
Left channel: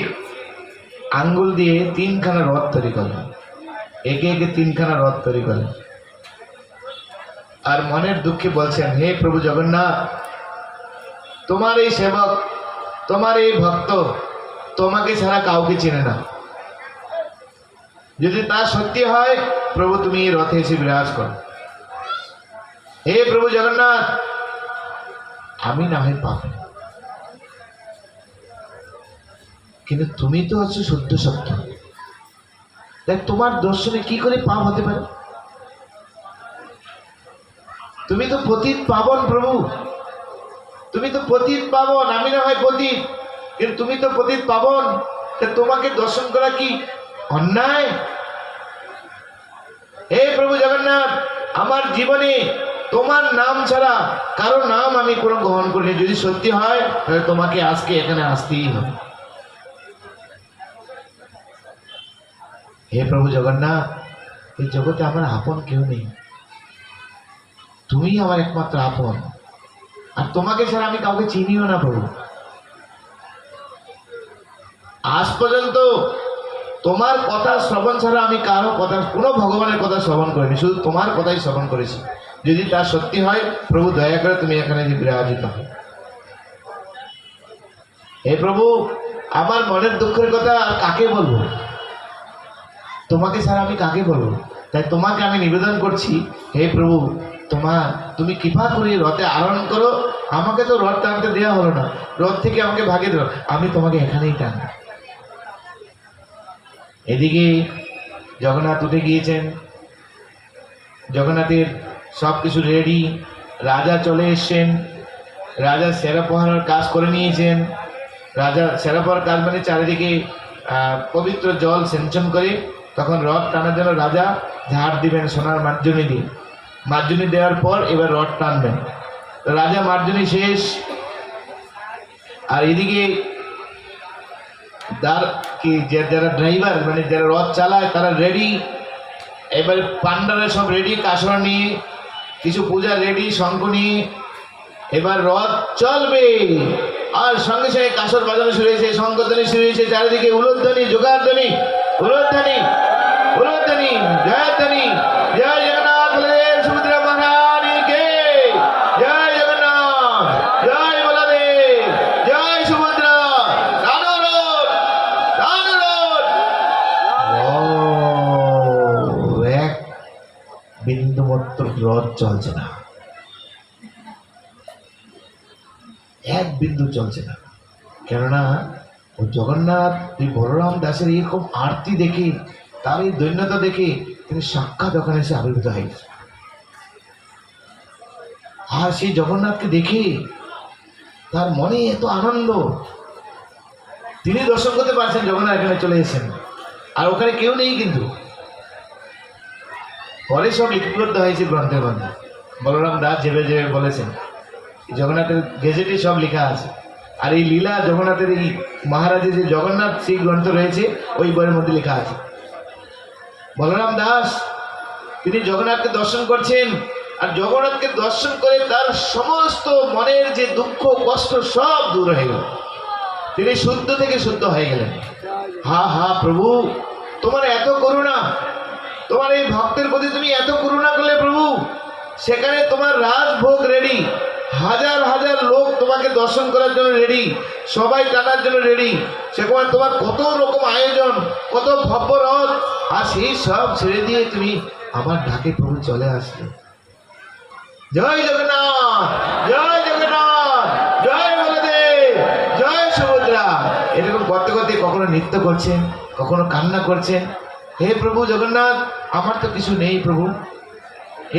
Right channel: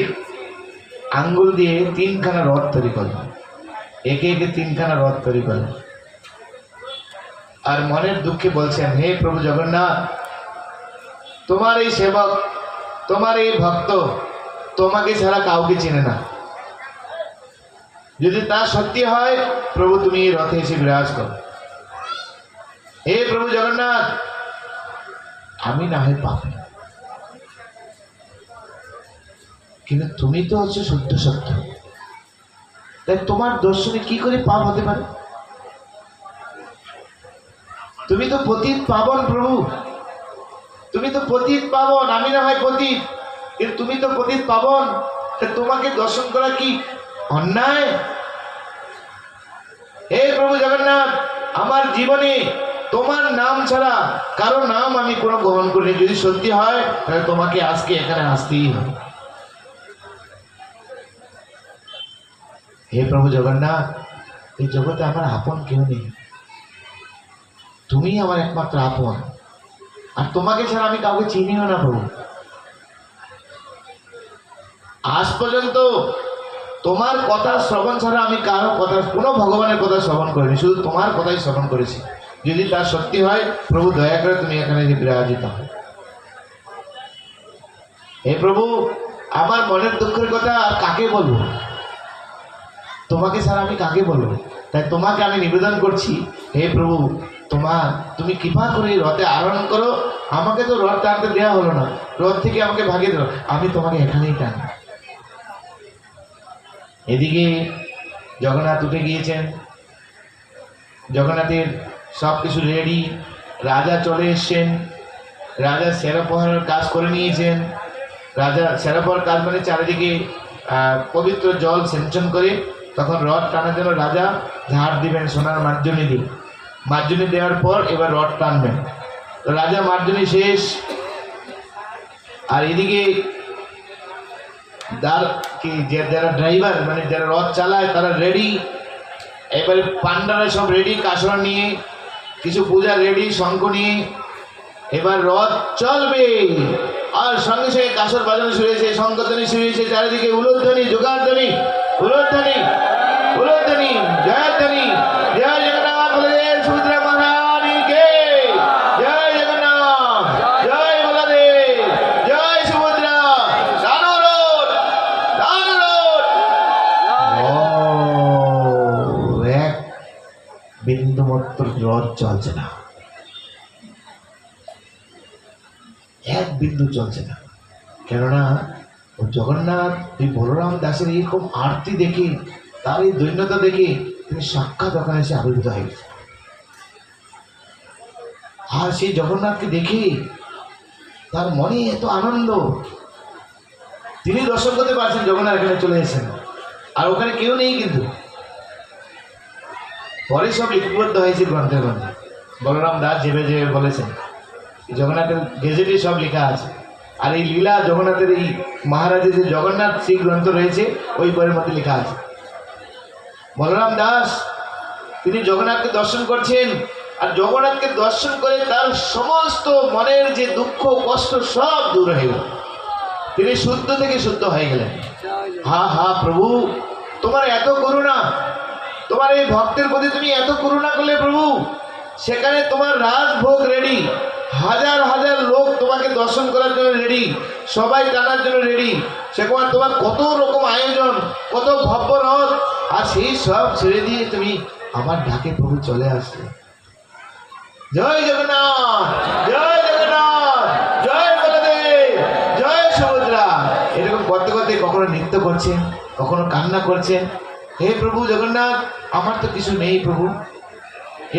আঙ্গুল দিয়ে 3খানা রথ তৈরি করলেন, একে একে 3খানা রথ তৈরি করলেন। আর মনের দুঃখে বলছেন, হে প্রভু জগন্নাথ, তোমার এই সেবক, তোমার এই ভক্ত তোমাকে ছাড়া কাউকে চেনে না। যদি তা সত্যি হয় প্রভু, তুমি এই রথে এসে বিরাজ করো। হে প্রভু জগন্নাথ, আমি না হয় পাপী, কিন্তু তুমি তো হচ্ছে শুদ্ধ সত্য, তাই তোমার দর্শনে কি করে পাপ হতে পারে? তুমি তো পতিত পাবন প্রভু, তুমি তো পতিত পাবন, আমি না হয় পতিত, কিন্তু তুমি তো পতিত পাবন, তা তোমাকে দর্শন করা কি অন্যায়? হে প্রভু জগন্নাথ, আমার জীবনে তোমার নাম ছাড়া কারো নাম আমি কোনো গ্রহণ করিনি। যদি সত্যি হয় তাহলে তোমাকে আজকে এখানে আসতেই হবে। হে প্রভু জগন্নাথ, এই জগতে আমার আপন কেউ নেই, তুমিই আমার একমাত্র আপন, আর তোমাকে ছাড়া আমি কাউকে চিনিও না প্রভু। আজ পর্যন্ত তোমার কথা শ্রবণ ছাড়া আমি কারো কথা, কোনো ভগবানের কথা শ্রবণ করিনি, শুধু তোমার কথাই শ্রবণ করেছি। যদি তা সত্যি হয় প্রভু, দয়া করে তুমি এখানে বিরাজিত হয়। হে প্রভু, আমার মনের দুঃখের কথা আর কাকে বলবো? তোমাকে ছাড়া আমি কাকে বলবো? তাই তোমাকে আমি নিবেদন করছি, হে প্রভু, তুমি কৃপা করে রথে আরোহণ করো। আমাকে তো রথ টানতে দেওয়া হলো না, রথ থেকে আমাকে ভাগিয়ে দাও, আমি তোমাকে এখানেই টানি। এদিকে জগন্নাথ উঠে গিয়েছেন, জগন্নাথের সব কিছু রেডি, রাজা চলে এসছেন, রাজা সেরা পোহানোর কাজ করে নিয়েছেন। রাজা সেরা পোহার কাজ মানে চারিদিকে পবিত্র জল সিঞ্চন করে তখন রথ টানার জন্য রাজা ঝাড় দিবেন সোনার মার্জনী দিয়ে। মার্জনী দেওয়ার পর এবার রথ টানবেন। রাজা মার্জনী শেষ, আর এদিকে যারা ড্রাইভার মানে যারা রথ চালায় তারা রেডি। এবার পান্ডারা সব রেডি, কাসর নিয়ে, কিছু পূজা রেডি, শঙ্খ নিয়ে এবার রথ চলবে। আর সঙ্গে সঙ্গে কাসর বাজানো শুরু হয়েছে, শঙ্খধ্বনি শুরু হয়েছে, চারিদিকে উলুধ্বনি, জোগাড়ধ্বনি, উলুধ্বনি, উলুধ্বনি, জয়ধ্বনি, জয় জগন্নাথ বলদেব সুভদ্রা মহারানীকে জয়, জগন্নাথ জয়, বলদেব জয়, সুভদ্রা দানুরোধ, দানুরোধ। এক বিন্দু মাত্র রথ চলছে না, এক বিন্দু চলছে না। কেননা ও জগন্নাথ এই বলরাম দাসের এরকম আরতি দেখে, তার এই দৈন্যতা দেখে তিনি সাক্ষাৎ ওখানে এসে আবির্ভূত হয়ে গেছে। আর সেই জগন্নাথকে দেখে তার মনে এত আনন্দ, তিনি দর্শন করতে পারছেন জগন্নাথ এখানে চলে এসেছেন, আর ওখানে কেউ নেই। কিন্তু পরে সব লিপিবদ্ধ হয়েছে গ্রন্থের মধ্যে, বলরাম দাস যেভাবে যেভাবে বলেছেন, জগন্নাথের গেজেটে সব লেখা আছে। আর এই লীলা জগন্নাথের, এই মহারাজের যে জগন্নাথ সেই গ্রন্থ রয়েছে, ওই বইয়ের মধ্যে লেখা আছে। বলরাম দাস তিনি জগন্নাথকে দর্শন করছেন, আর জগন্নাথকে দর্শন করে তার সমস্ত মনের যে দুঃখ কষ্ট সব দূর হয়ে গেল, তিনি শুদ্ধ থেকে শুদ্ধ হয়ে গেলেন। হা হা প্রভু, তোমার এত করুণা, তোমার এই ভক্তের প্রতি তুমি এত করুণা করলে প্রভু, সেখানে তোমার রাজভোগ রেডি, হাজার হাজার লোক তোমাকে দর্শন করার জন্য রেডি, সবাই টানার জন্য রেডি, সেখানে তোমার কত রকম আয়োজন, কত ভব্য রথ, আর সেই সব ছেড়ে দিয়ে তুমি আমার ডাকে প্রভু চলে আসলে। জয় জগন্নাথ, জয় জগন্নাথ, জয় বলদেব, জয় সুভদ্রা। এরকম করতে করতে কখনো নৃত্য করছে, কখনো কান্না করছে। হে প্রভু জগন্নাথ, আমার তো কিছু নেই প্রভু,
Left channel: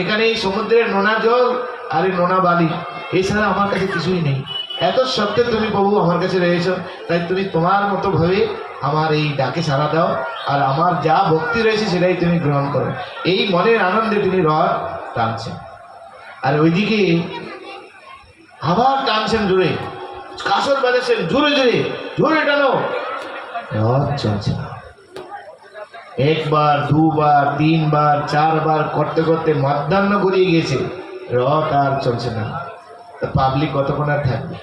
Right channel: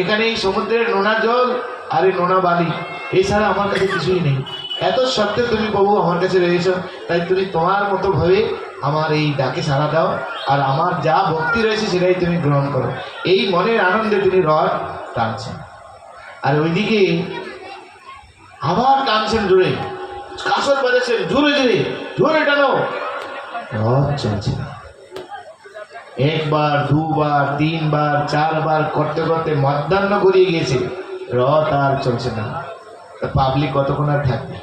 এখানে এই সমুদ্রের নোনা জল আর এই নোনা বালি, এছাড়া আমার কাছে কিছুই নেই। এত সত্ত্বেও তুমি প্রভু আমার কাছে রয়েছো, তাই তুমি তোমার মতো ভাবে আমার এই ডাকে সাড়া দাও, আর আমার যা ভক্তি রয়েছে সেটাই তুমি গ্রহণ করো। এই মনের আনন্দে তিনি রথ টানছেন, আর ওইদিকে আবার টানছেন জোরে, কাসর বাজাচ্ছেন জোরে জোরে, জোরে টানো, রথ চলছে না। একবার, দুবার, তিনবার, চারবার করতে করতে মধ্যাহ্ন গড়িয়ে গিয়েছে, রথ আর চলছে না। পাবলিক কতক্ষণ আর থাকবে?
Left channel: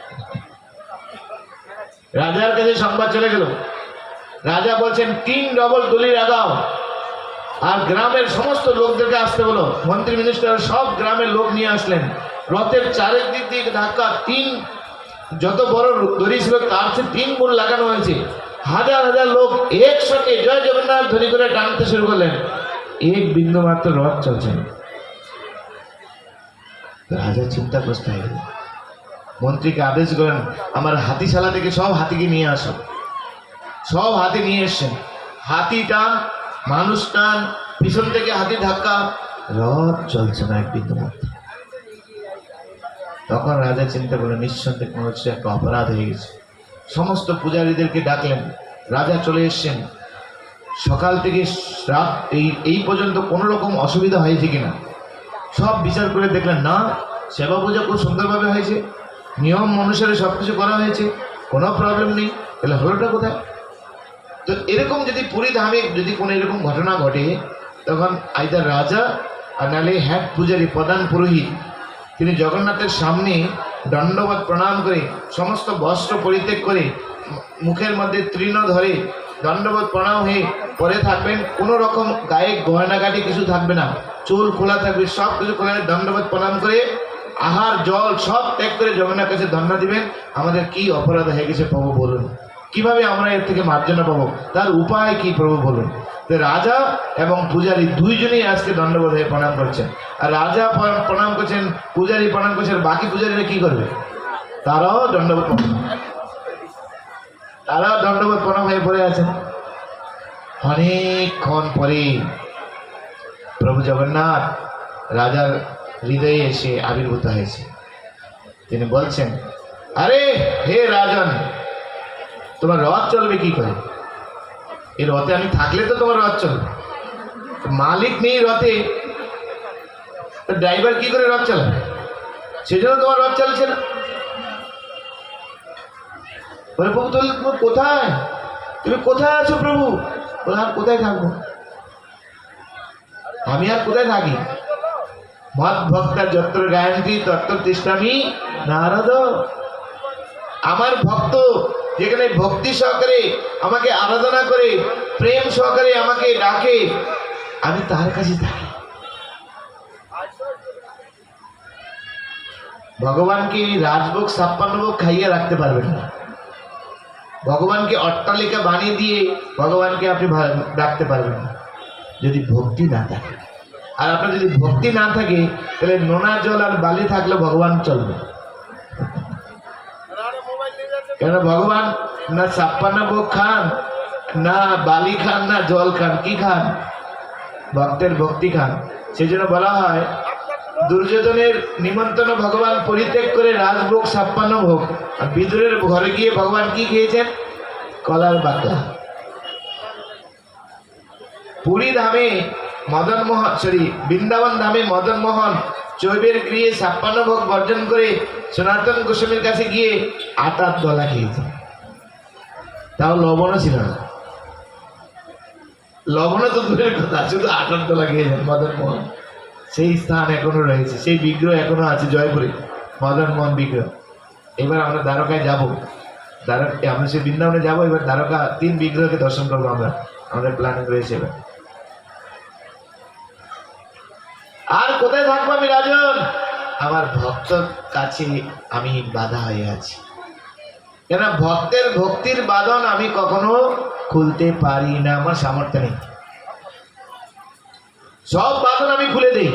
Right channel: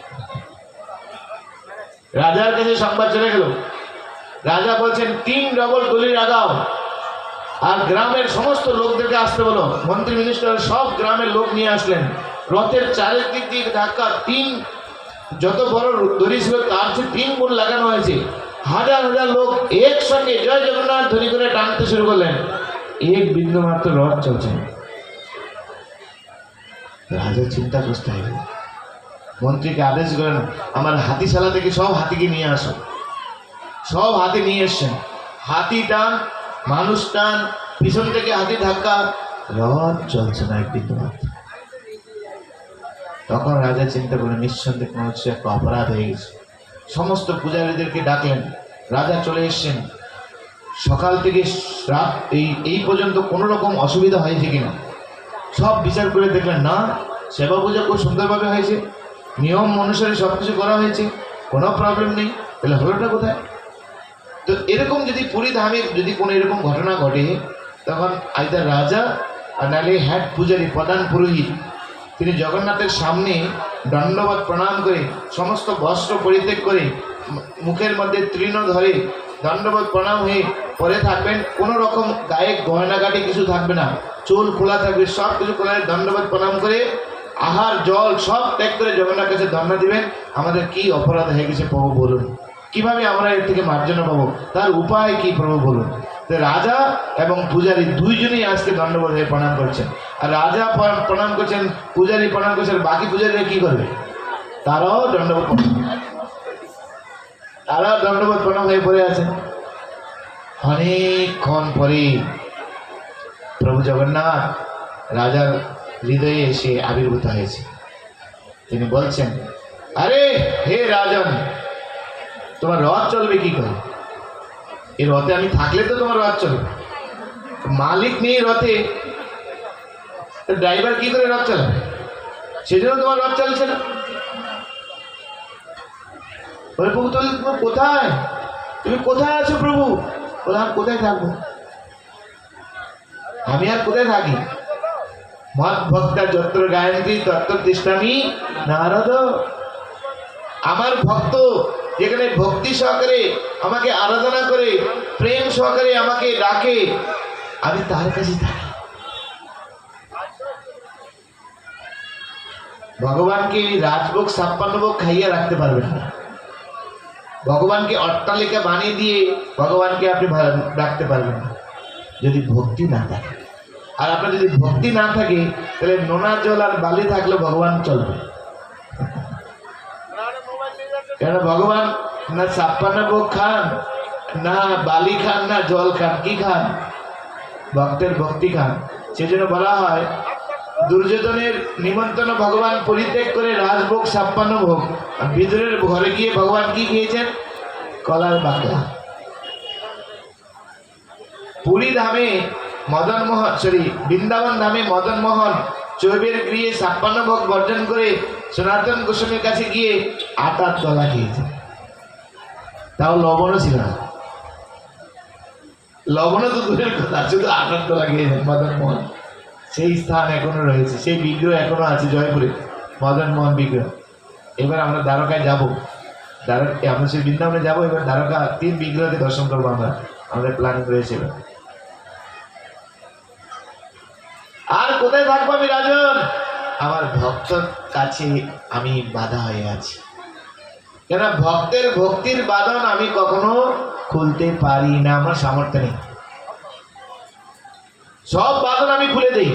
রাজার কাছে সংবাদ চলে গেল। রাজা বলছেন 3 ডবল দলি লাগাও, আর গ্রামের সমস্ত লোকদেরকে আসতে বলো। মন্ত্রী মিনিস্টার সব গ্রামের লোক নিয়ে আসলেন। রথের চারিদিক দিকে ধাক্কা, 3 যত বড় দড়ি ছিল তার চেয়ে 3 গুণ লাগানো হয়েছে। হাজার হাজার লোক একসঙ্গে জয় জগন্নাথ ধ্বনি করে টানতে শুরু করলেন। এক বিন্দু মাত্র রথ চলছে না। রাজা চিন্তাগ্রস্ত হয়ে গেল, মন্ত্রীকে আদেশ করেন, আমার হাতিশালা থেকে সব হাতিকে নিয়ে আসো। সব হাতি নিয়ে এসছেন। হাতি টান, মানুষ টান, পিছন থেকে হাতি ধাক্কা, রথ চলছে না এক বিন্দু মাত্র। তখন রাজা চিন্তা করলেন, নিঃসন্দেহে কোনো হচ্ছে একটা অপরাধ হয়ে গেছে। সমস্ত পূজারীদেরকে ডাকলেন। রাজা চলে এসছেন। সকাল থেকে রাত এই পর্যন্ত কোনো রকম অসুবিধা হয়েছে কিনা সব বিচার করে দেখলেন, না, সেবা পূজা খুব সুন্দরভাবে হয়েছে, নিয়ম অনুসারে সব কিছু করা হয়েছে, কোনো প্রবলেম নেই। তাহলে হলোটা কোথায়? তো এরকম যদি পুরী ধামে যদি কোনো এরকম ঘটনা ঘটে, তখন আইদার রাজা আর নাহলে হেড পূজারী, প্রধান পুরোহিত, তিনি জগন্নাথের সামনে দণ্ডবত প্রণাম করে, সমস্ত বস্ত্র পরিত্যাগ করে, মুখের মধ্যে তৃণ ধরে দণ্ডবত প্রণাম হয়ে পরে থাকবেন। কোনো রকম গায়ে গয়নাগাটি কিছু থাকবে না, চুল খোলা থাকবে, সব কিছু খোলা, দণ্ডবত প্রণাম করে আহার জল সব ত্যাগ করে জগন্নাথের কাছে ধন্য দিবেন। আমাদের কি অপরাধ হয়ে গেছে প্রভু বলুন, কিভাবে আমরা এর থেকে মার্জনা পাবো, তার উপায় কি প্রভু বলুন। তো রাজা এবং পূজারী দুইজনেই আজকে দণ্ডবোধ হয়ে প্রণাম করছেন। আর রাজা প্রণাম করছেন, পূজারী প্রণাম করছেন, বাকি পূজারীরা কি করবে? তারাও দণ্ডবোধ প্রণাম হয়ে পড়ে আছেন। অনেকক্ষণ পরে প্রভু জগন্নাথ রাজার হৃদয়ে এসে আবির্ভূত হয়েছে। তিনি বলছেন, আরে হে রাজন, তোমার রথ চলবে কি করে? এই রথে আমি থাকলে তো তোমার রথ চলবে, মালিক নেই রথে, তো ড্রাইভার কি করে রথ চালাবে? সেই জন্য তোমার রথ চালছে না। বলে, প্রভু তাহলে তুমি কোথায়, তুমি কোথায় আছো প্রভু? বলে, আমি কোথায় থাকবো, আমি আর কোথায় থাকি? মদ ভক্তা যত্র গায়ন্তি তত্র তিষ্ঠামি নারদ। আমার ভক্ত যেখানে ভক্তি সহকারে আমাকে আরাধনা করে, প্রেম সহকারে আমাকে ডাকে, আমি তার কাছে থাকি। ভগবানকে রাজভোগ 56 ভোগ খাইয়ে রাখতে পারবেন না। ভগবানকে অট্টালিকা বানিয়ে দিয়ে ভগবানকে আপনি ডাকতে পারবেন না যদি ভক্তি না থাকে। আর আপনার যদি ভক্তি না থাকে, তাহলে নোনা জল আর বালি থাকলে ভগবান চলবে। কেন ভগবান না 56 ভোগ খান, না বালি খান, না জল খান, কি খান? ভক্তের ভক্তি খান। সেজন্য বলা হয়, দুর্যোধনের নিমন্ত্রণ ভগবান পরিত্যাগ করে রাজভোগ 56 ভোগ, আর বিদুরের ঘরে গিয়ে ভগবান কি খেয়েছেন? কলার বাকলা। পুরী ধামে মদন মোহন, বৃন্দাবন ধামে মদন মোহন চৈবের গৃহে 56 ভোগ বর্জন করে সনাতন গোস্বামীর কাছে গিয়ে 8 দলা খেয়েছে। তাও লবণও ছিল না, লবণও তো দূরের কথা, শুধু 8 দলা খেয়েছেন মদন মোহন। সেই স্থান এখনো রয়েছে, সেই বিগ্রহ এখনো আছে জয়পুরে, মদন মোহন বিগ্রহ। এবার আমরা দ্বারকায় যাবো, আমরা সেই বৃন্দাবনে যাবো। এবার দ্বারকা 3 বিগ্রহকে দর্শন করবো আমরা, আমাদের প্ল্যানিং রয়েছে। এবার কোথায় থাকবো আমি রাজন? আমার ভক্তর কাছে আমি বাধা হয়ে আছি, কেন ভক্তের ভক্তির বাঁধন আমি কখনো খুলতে পারি না, আমার সামর্থ্য নেই। সব বাঁধন আমি খুলে দিই,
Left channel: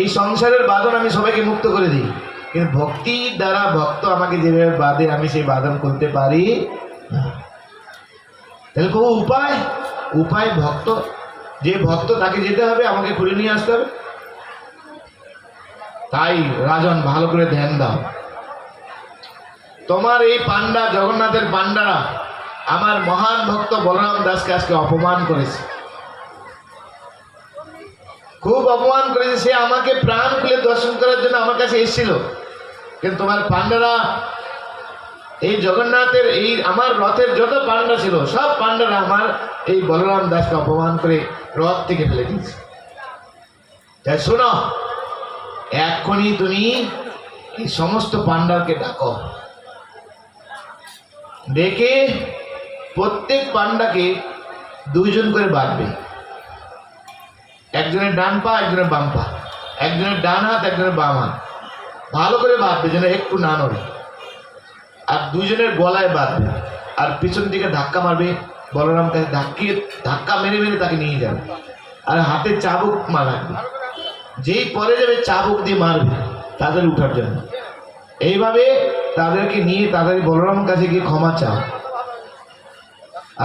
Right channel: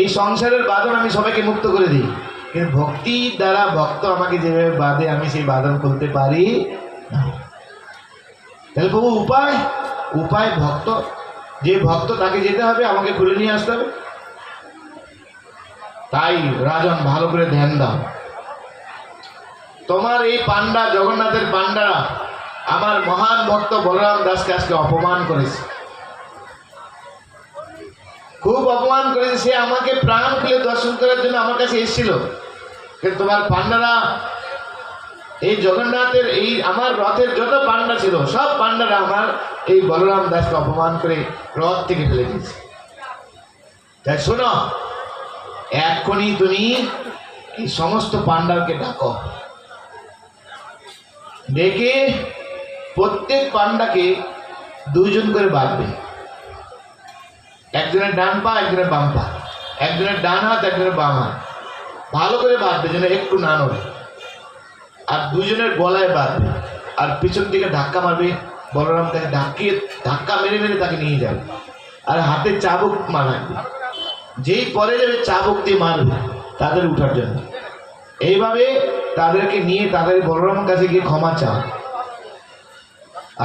এই সংসারের বাঁধন আমি সবাইকে মুক্ত করে দিই, কিন্তু ভক্তির দ্বারা ভক্ত আমাকে যেভাবে বাঁধে আমি সেই বাঁধন খুলতে পারি না। তাহলে প্রভু উপায়, উপায় ভক্ত, যে ভক্ত তাকে যেতে হবে, আমাকে খুলে নিয়ে আসতে হবে। তাই রাজন ভালো করে ধ্যান দাও, তোমার এই পান্ডা, জগন্নাথের পান্ডারা আমার মহান ভক্ত বলরাম দাসকে আজকে অপমান করেছে, খুব অপমান করেছে। সে আমাকে প্রাণ খুলে দর্শন করার জন্য আমার কাছে এসেছিল, কিন্তু তোমার পান্ডারা, এই জগন্নাথের এই আমার রথের যত পান্ডা ছিল সব পান্ডারা আমার এই বলরাম দাসকে অপমান করে রথ থেকে ফেলে দিয়েছে। তাই শোনো, এক্ষুনি তুমি এই সমস্ত পান্ডারকে ডাকো, ডেকে প্রত্যেক পান্ডাকে দুইজন করে বাঁধবে, একজনের ডান পা একজনের বাম পা, একজনের ডান হাত একজনের বাম হাত, ভালো করে বাঁধবে যেন একটু না নড়ে, আর দুইজনের গলায় বাঁধবে, আর পিছন দিকে ধাক্কা মারবে, বলরাম তাকে ধাক্কা মেরে মেরে তাকে নিয়ে যাবে, আর হাতে চাবুক মারবে, যেই পরে যাবে চাবুক দিয়ে মারবে তাদের উঠার জন্য। এইভাবে তাদেরকে নিয়ে তাদের বলরামের কাছে গিয়ে ক্ষমা চাও,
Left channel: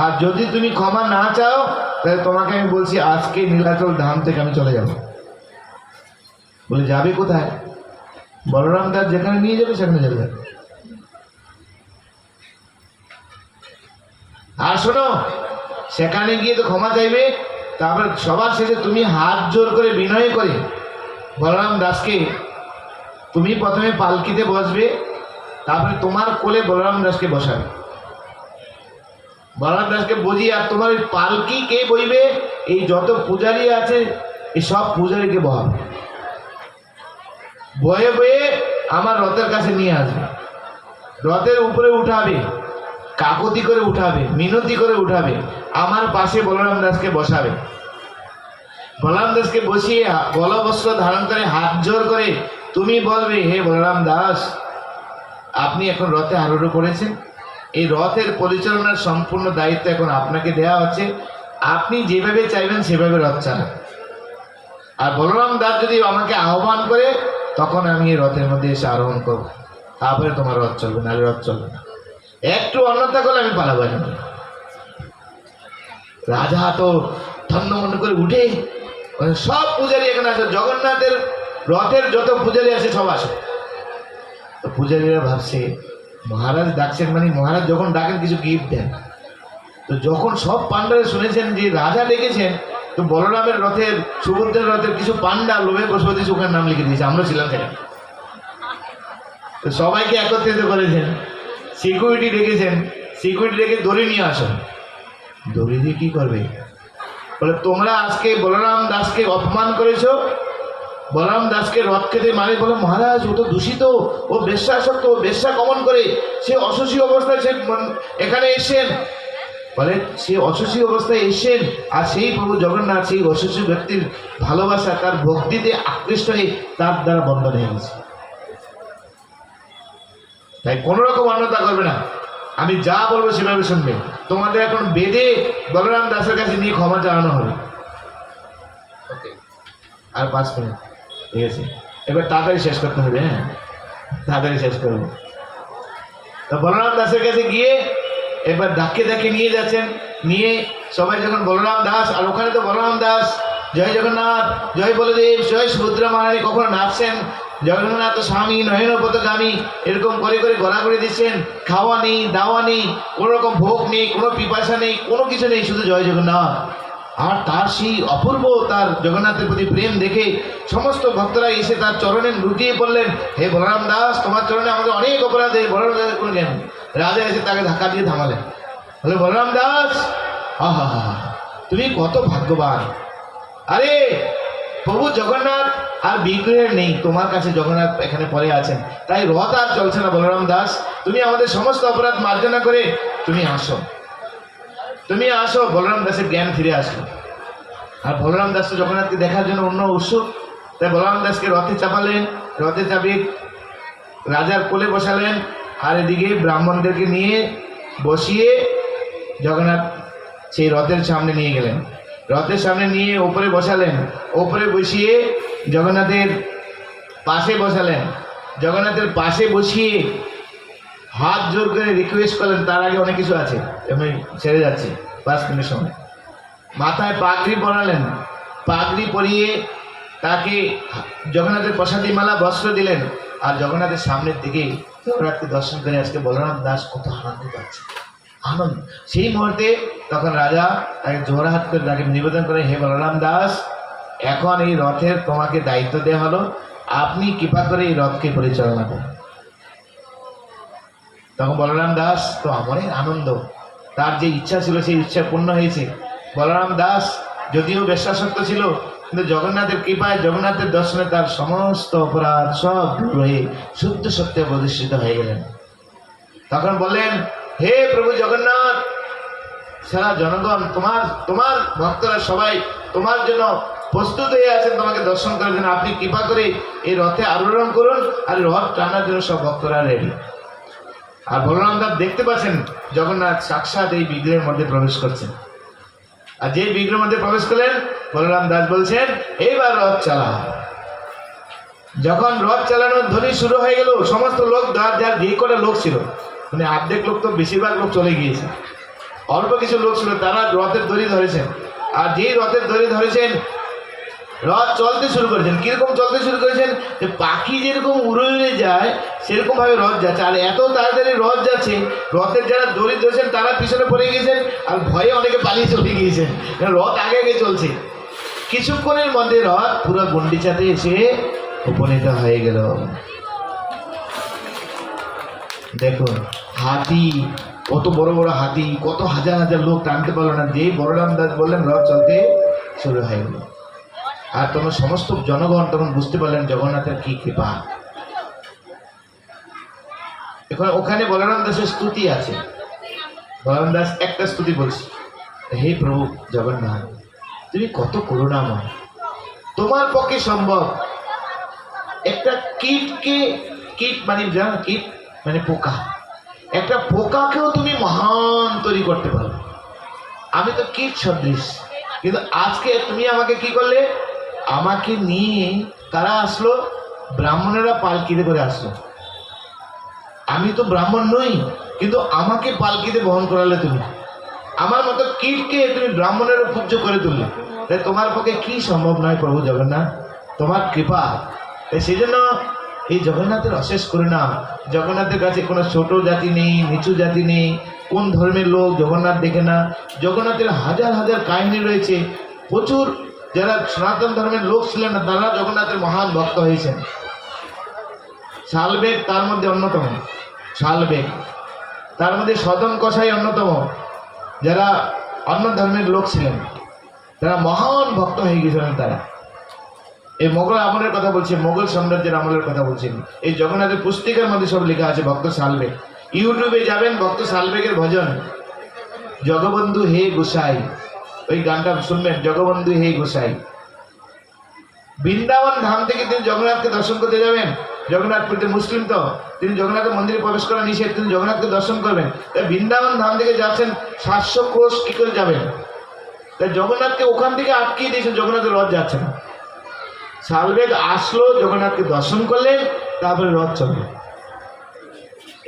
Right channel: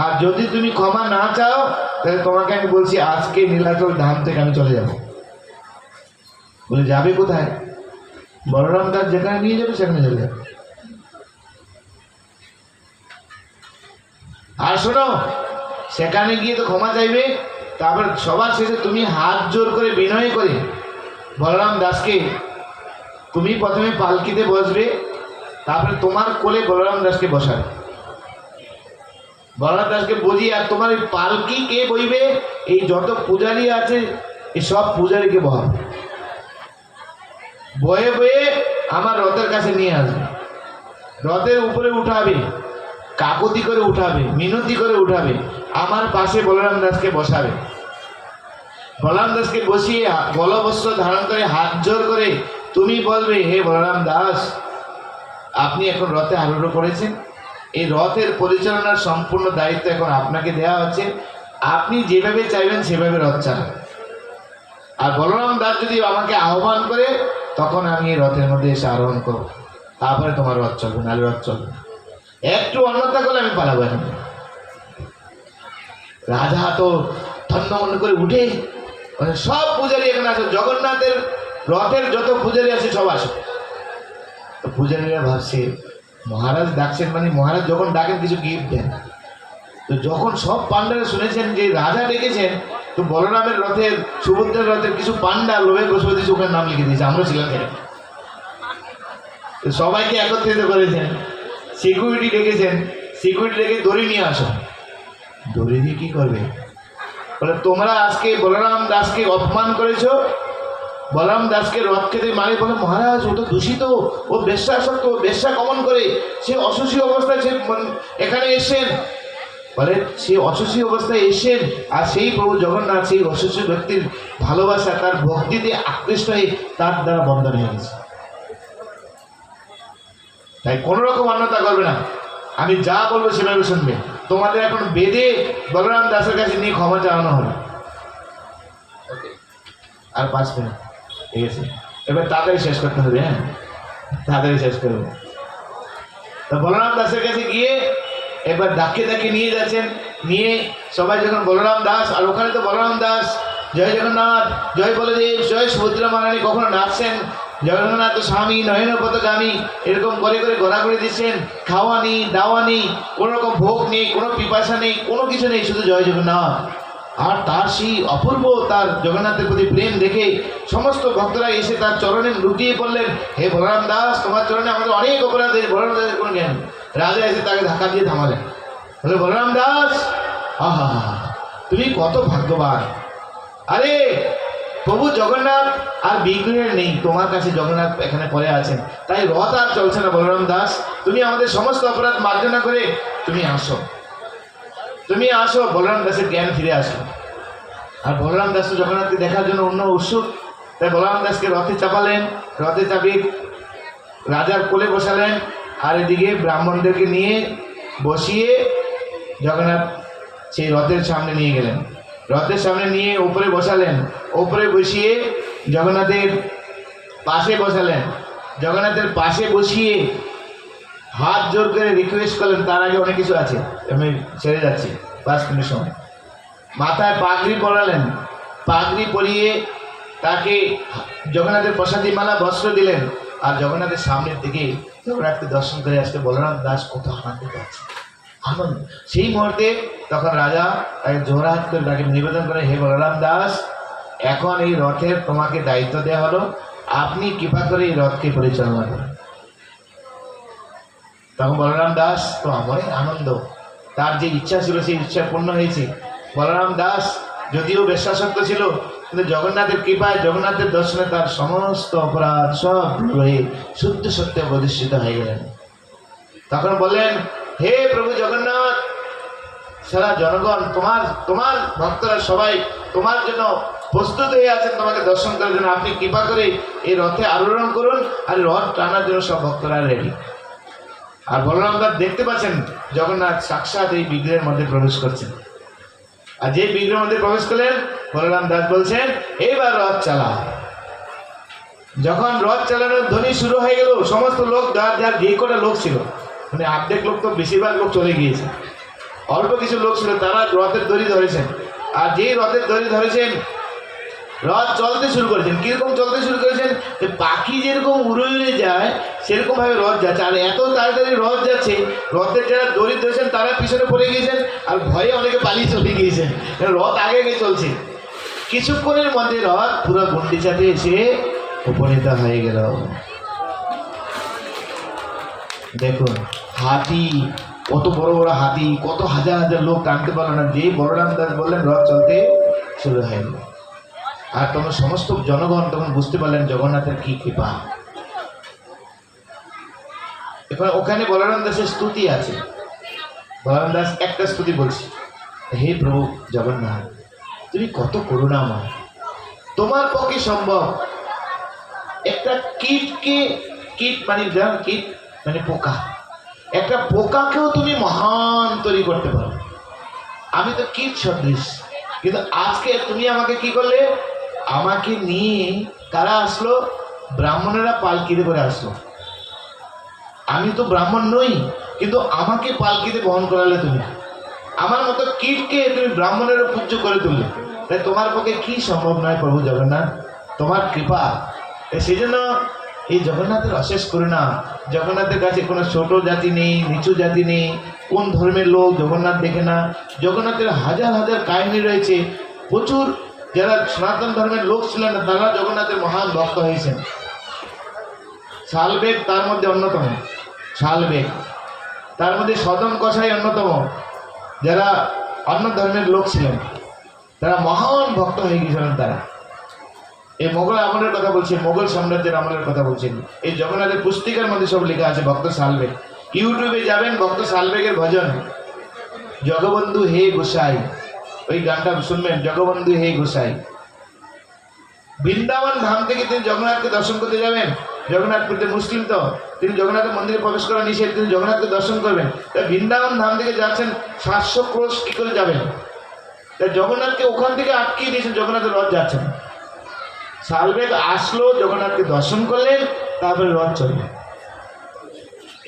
আর যদি তুমি ক্ষমা না চাও তাহলে তোমাকে আমি বলছি আজকে নীলাচল ধাম থেকে আমি চলে যাব। বলে যাবে কোথায়? বলরাম দাস যেখানে নিয়ে যাবে সেখানে চলে যাবে। আর শোনো, সেখানে গিয়ে তো ক্ষমা চাইবে, তারপর সবার শেষে তুমি হাত জোর করে বিনয় করে বলরাম দাসকে, তুমি প্রথমে পালকিতে বসবে, তারপরে তোমার কোলে বলরাম দাসকে বসাবে, বলরাম দাসকে বুঝিয়ে, আর তোমার এই পালকি কে বইবে? এই যত পূজারী আছে এই সব পূজারীকে বহাবে, বয়ে বয়ে আমার রথের কাছে নিয়ে আসবে, রথের উপরে উঠাবে, কাকতি করে উঠাবে, মিনতি করে উঠাবে, আমার পাশে বলরাম দাসকে বসাবে, বলরাম দাসকে বসিয়ে গলবস্ত্র ধারণ করে হাত জোর করে তুমি বলবে, হে বলরাম দাস, আপনি এখন রথে আরোহণ করেছেন, এই রথের পরিচালনার সম্পূর্ণ দায়িত্ব এখন আপনাকে দেওয়া হচ্ছে, আপনি যেভাবে চাইবেন সেভাবে রথ চালান। আর বলরাম দাস যদি আমাকে আহ্বান করে তখন আমি এই রথের মধ্যে এসে আরোহণ করব, তারপরে তোমার রথ চলবে, নাহলে রথ চলবে না। একটু অন্যথা করলে আমি পালাবো না। রাজা তো থন্নমন্ন করে উঠে, সব পূজারী এখানে আসে, জগন্নাথের রথের যত পূজারী আছে সব আসে। তো পূজারীরা ভাবছে মহারাজ ডাকছেন, মানে মহারাজ যখন ডাকেন কিছু গিফট দেন। তো যখন সব পান্ডারা শুনেছেন যে রাজা ডেকেছেন, তো বলরামের রথের, সুভদ্রের রথের কিছু পান্ডা লোভে বসে দিয়েছে, ওখানে নাম লিখে দিয়েছে, আমরা ছিলাম সেখানে। তো সবাইকে একত্রিত করেছেন, সিকিউরিটি ডেকেছেন, সিকিউরিটি ডেকে দড়ি নিয়ে আসো। দড়ি দিয়ে কী করবে? বলে তোমরা আজকে বলরাম দাসকে অপমান করেছো, বলরাম দাসকে রথ খেতে মানে, বলে মহারাজ ও তো দূষিত, ও বেশ্যাসক্ত, ও বেশ্যা কমন করে, সে অশোষী অবস্থায় সে এখানে এসেন। বলে সে অশোষী অবস্থায় এসেন, আর সেই প্রভু জগন্নাথ সেই অশোষী ব্যক্তির ভালোবাসা, তার ভক্তিতে আকৃষ্ট হয়ে তার দ্বারা বন্ধন হয়ে গেছে। তাই কোনো রকম অন্যতা করবে না, আমি যা বলবো সেভাবে শুনবে। তোমাদের এখন বেদে বলরাম দাসের কাছে নিয়ে ক্ষমা চাওয়ানো হবে। আর 5 মিনিট ঠিক আছে, এবার তাড়াতাড়ি শেষ করতে হবে। হ্যাঁ, তাড়াতাড়ি শেষ করবো। তো বলরাম দাসের কাছে গিয়ে এবার ডাকে ডাকে নিয়ে যাচ্ছেন, নিয়ে সবাই যখন বলরাম দাস, আর ওখানে তো বলরাম দাস জয় জগন্নাথ, জয় বলদেব, জয় সুভদ্রা মহারানী কখনো নাচছেন, জগন্নাথ স্বামী নয়নপথগামী এরকম করে করে ঘোরাঘুরি দিচ্ছেন, খাওয়া নেই, দাওয়া নেই, কোনো রকম ভোগ নেই, কোনো পিপাসা নেই, কোনো কিছু নেই, শুধু জয় জগন্নাথ। আর তার সেই অপূর্ব তার জগন্নাথের প্রতি প্রেম দেখে সমস্ত ভক্তরা এসে তার চরণে লুটিয়ে পড়লেন, হে বলরাম দাস, তোমার চরণে আমাদের অনেক অপরাধ, বলরাম দাসের কোনো জ্ঞান নেই। রাজা এসে তাকে ধাক্কা দিয়ে থামালেন, বলে বলরাম দাস, আহা তুমি কত ভাগ্যবান, আরে প্রভু জগন্নাথ আর বিগ্রহের নেই, তোমার কাছে জগন্নাথ এখানে পড়ে আছেন, তাই রথ আর চলছে না। বলরাম দাস, তুমি আমাদের সমস্ত অপরাধ মার্জনা করে তুমি আসো, তুমি আসো। বলরাম দাসের জ্ঞান ফিরে আসলো, আর বলরাম দাস তো জগন্নাথকে দেখার জন্য অন্য উৎসুক, তাই বলরাম দাসকে রথে চাপালেন, রথে চাপিয়ে রাজার কোলে বসালেন, আর এদিকে ব্রাহ্মণদেরকে নিয়ে বসিয়ে জগন্নাথ সেই রথের সামনে নিয়ে গেলেন। রথের সামনে নিয়ে ওপরে বসালেন, ওপরে বসিয়ে জগন্নাথের পাশে বসালেন। জগন্নাথের পাশে বসিয়ে হাত জোর করে রিকোয়েস্ট করলেন। তার আগে অনেক কিছু আছে, আমি ছেড়ে যাচ্ছি 5 মিনিটের সময়। মাথায় পাগড়ি পরালেন, পাগড়ি পরিয়ে তাকে জগন্নাথের প্রসাদী মালা বস্ত্র দিলেন। আর জগন্নাথের সামনের দিকে জগন্নাথকে দর্শন করে আজকে বলরাম দাস কত আনন্দিত আছে, আনন্দ। সেই মুহূর্তে তখন রাজা তাকে জোড়হাত করে তাকে নিবেদন করে, হে বলরাম দাস, এখন এই রথের তোমাকে দায়িত্ব দেওয়া হলো, আপনি কৃপা করে এই রথকে পরিচালনা করুন। তখন বলরাম দাস তো আমারই আনন্দ, তার যে ইচ্ছা ছিল সেই ইচ্ছা পূর্ণ হয়েছে। বলরাম দাস যদিও বেশ্যাসক্ত ছিল, কিন্তু জগন্নাথের কৃপায়, জগন্নাথের দর্শনে তার সমস্ত অপরাধ সব হয়ে শুদ্ধ সত্যে প্রতিষ্ঠিত হয়ে গেলেন। তখন বললেন, হে প্রভু জগন্নাথ, সারা জনগণ তোমার ভক্তরা সবাই তোমার জন্য প্রস্তুত হয়ে আছেন তোমাকে দর্শন করার জন্য। আপনি কৃপা করে এই রথে আরোহণ করুন, আর রথ টানার জন্য সব ভক্তরা রেডি। আর বলরাম দাস দেখতে পাচ্ছেন জগন্নাথ সাক্ষাৎ এই বিগ্রহের মধ্যে প্রবেশ করছেন। আর যে বিগ্রহের মধ্যে প্রবেশ করলেন, বলরাম দাস বলছেন, এইবার রথ চালা। যখন রথ চালানোর ধ্বনি শুরু হয়ে গেল, সমস্ত লোক, যার যে কটা লোক ছিল, মানে অর্ধেক লোক তো, বেশিরভাগ লোক চলে গিয়েছে, অল্প কিছু লোক ছিল, তারা রথের দড়ি ধরেছেন। আর যেই রথের দড়ি ধরেছেন, রথ চলতে শুরু করেছেন। কিরকম চলতে শুরু করেছেন, যে পাখি যেরকম উড়ে উড়ে যায় সেরকম ভাবে রথ যাচ্ছে। আর এত তাড়াতাড়ি রথ যাচ্ছে, রথের যারা দড়ি ধরেছেন তারা পিছনে পড়ে গিয়েছেন, আর ভয়ে অনেকে পালিয়ে চলে গিয়েছেন। রথ আগে আগে চলছে। কিছুক্ষণের মধ্যে রথ পুরো গুন্ডিচাতে এসে উপনীত হয়ে গেল। দেখুন, হাতি, কত বড় বড় হাতি, কত হাজার হাজার লোক টানতে পারলো না। যে বলরাম দাস বললেন রথ চলতে শুরু হয়ে গেল। আর তখন সমস্ত জনগণ তখন বুঝতে পারলেন জগন্নাথের কি কৃপা। এখন ওখানে বলরাম দাসের স্তুতি আছে। বলরাম দাস একটা স্তুতি বলছে, হে প্রভু জগন্নাথ, তুমি কত করুণাময়, তোমার পক্ষে সম্ভব একটা কীট মানে কীট মানে পোকা, একটা পোকাকেও তুমি মহান তৈরি করতে পারো। আমি তো কীট সদৃশ, কিন্তু আজকে তুমি আমাকে কি করলে, আমাকে নিয়ে কারা আসলো, ব্রাহ্মণেরা পালকিতে করে আসলো। আমি তো ব্রাহ্মণ নই, কিন্তু আমাকে পালকিতে বহন করালে তুমি। আমার মতো কীটকে তুমি ব্রাহ্মণেরও পূজ্য করে তুললে। তাই তোমার পক্ষে কি সম্ভব নয় প্রভু জগন্নাথ, তোমার কৃপা। সেই জন্য এই জগন্নাথের অশেষ করুণা। জগন্নাথের কাছে কোনো ছোট জাতি নেই, নিচু জাতি নেই, কোন ধর্মের লোক জগন্নাথ দেখে না। জগন্নাথের হাজার হাজার কাহিনী রয়েছে। প্রচুর যারা সনাতন ধর্মের লোক ছিলেন না, তারা জগন্নাথের মহান ভক্ত হয়েছেন। শালবেগ তার মধ্যে অন্যতম, শালবেগ তার মধ্যে সদন কসাই অন্যতম। যারা অন্য ধর্মের লোক ছিলেন তারা মহান ভক্ত হয়ে গিয়েছিলেন। তারা এই মোগল আমলের কথা বলছে, মোগল সাম্রাজ্যের আমলের কথা বলছেন। এই জগন্নাথের পুস্তিকার মধ্যে সব লেখা আছে। ভক্ত শালবেগ, ইউটিউবে যাবেন, ভক্ত শালবেগের ভজন, জগবন্ধু হে গোসাই, ওই গানটা শুনবেন, জগবন্ধু হে গোসাই। বৃন্দাবন ধাম থেকে তিনি জগন্নাথকে দর্শন করতে যাবেন। জগন্নাথপুরতে মুসলিম তো, তিনি জগন্নাথের মন্দিরে প্রবেশ করা নিষেধ, তিনি জগন্নাথকে দর্শন করবেন। তাই বৃন্দাবন ধাম থেকে যাচ্ছেন 700 ক্রোশ কি করে যাবেন? তাই জগন্নাথকে ওখান থেকে আটকিয়ে দিয়েছেন, জগন্নাথের রথ যাচ্ছে না। শালবেগ আসলো, জগন্নাথকে দর্শন করলেন, তারপরে রথ চলবে।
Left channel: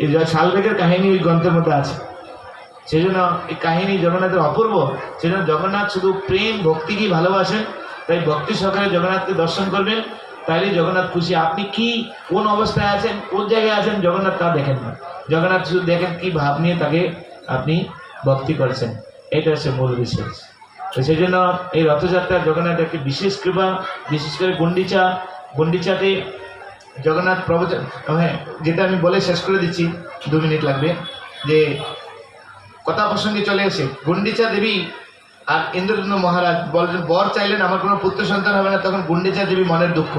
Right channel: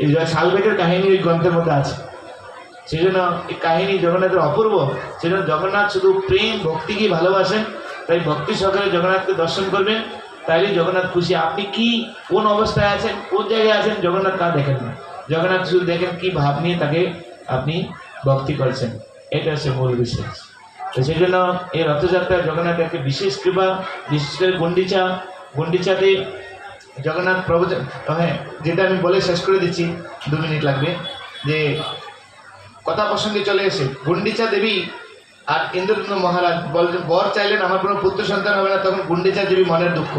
এই শালবেগের কাহিনী ওই গ্রন্থের মধ্যে আছে। সেই জন্য এই কাহিনী জগন্নাথের অপূর্ব। সেই জন্য জগন্নাথ শুধু প্রেম ভক্তিকেই ভালোবাসেন। তাই ভক্তি সহকারে জগন্নাথকে দর্শন করবেন, তাইলে জগন্নাথ খুশি। আপনি কি কোন অবস্থায় আছেন, কোন জায়গায় আছেন, জগন্নাথ তা দেখেন না। জগন্নাথ শুধু দেখেন কি ভাব নিয়ে তাকে আপনি ভক্তি করছেন। এটা হচ্ছে মূল বিশেষ। তো সেই জন্য এই রথযাত্রা জগন্নাথের একটি বিশেষ কৃপা। বিশেষ করে গুন্ডিচাতে জগন্নাথ প্রবচন, হ্যাঁ, যেটা আমি বলে শেষ করে দিচ্ছি, 2 মিনিট লাগবে। যে কথা প্রসঙ্গে চলে এসে গুন্ডিচা দেবী আর ইন্দ্রদম্ন মহারাজ বললেন, বর চাইলেন আমার কোনো পুত্র সন্তান হবে না। তখন গুন্ডিচা দেবী মনের দুঃখ,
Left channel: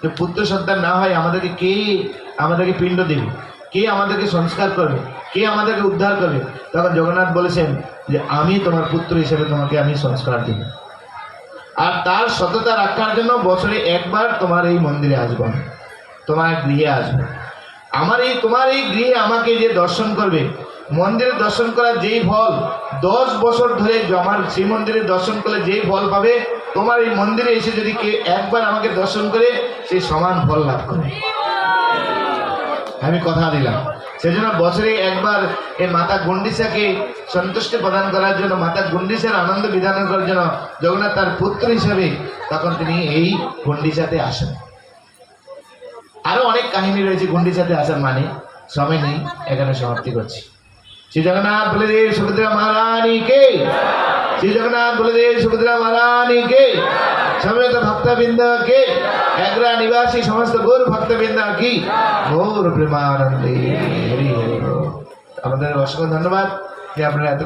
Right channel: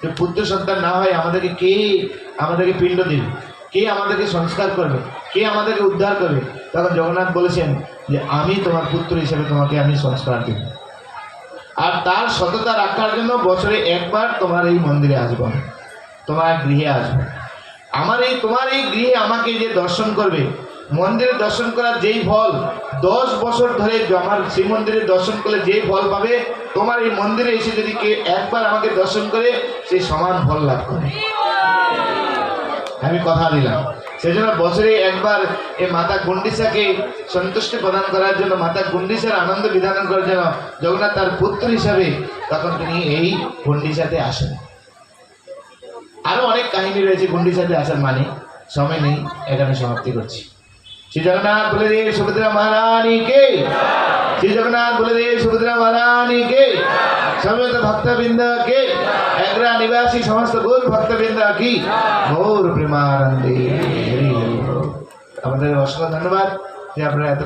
যে পুত্র সন্তান না হয় আমাদেরকে পিণ্ড দেবে, কে আমাদেরকে সংস্কার করবে, কে আমাদেরকে উদ্ধার করবে? তখন জগন্নাথ বলেছেন যে আমি তোমার পুত্র হিসেবে তোমাকে আমি সংস্কার দিব। আর তার সততা রাখার জন্য বছরে একবার তোমার এই মন্দিরে আসবো, তোমার গৃহে আসবো। তোমার এই গৃহে আমাকে যে দর্শন করবে, মন্দিরে দর্শন করার যেই ফল 10 বছর ধরে আমার শ্রী মন্দিরে দর্শন করলে যেই ফল পাবে, তোমার এই মন্দিরে এসে যদি কে একবার আমাকে দর্শন করে সে সমান ফল লাভ করে। আমি কথা দিলাম। সেই জন্য বছরে একবার এই মাতা গুন্ডিচাকে সন্তুষ্টি প্রদান করার জন্য, মাতা গুন্ডিচার আনন্দ বিধান করার জন্য জগন্নাথ তার পুত্র হিসাবে তখন তিনি এই গুন্ডিচাতে আসেন। আরো অনেক কাহিনী রয়েছে গুন্ডিচাতে আসার, মানে সময় নেই, এখানে সমাপ্তি করছি। শ্রী জগন্নাথ বলদেব সুভদ্রা মহারানী কে, শ্রী জগন্নাথ বলদেব সুভদ্রা মহারানী কে, সমেত ভক্তবৃন্দ কে, এগ্রা নিবাসী সমস্ত গৌর ভক্তবৃন্দ কি গৌর প্রেমানন্দে হরি হরি। আমাদের অসংখ্য ধন্যবাদ যে আপনারা এত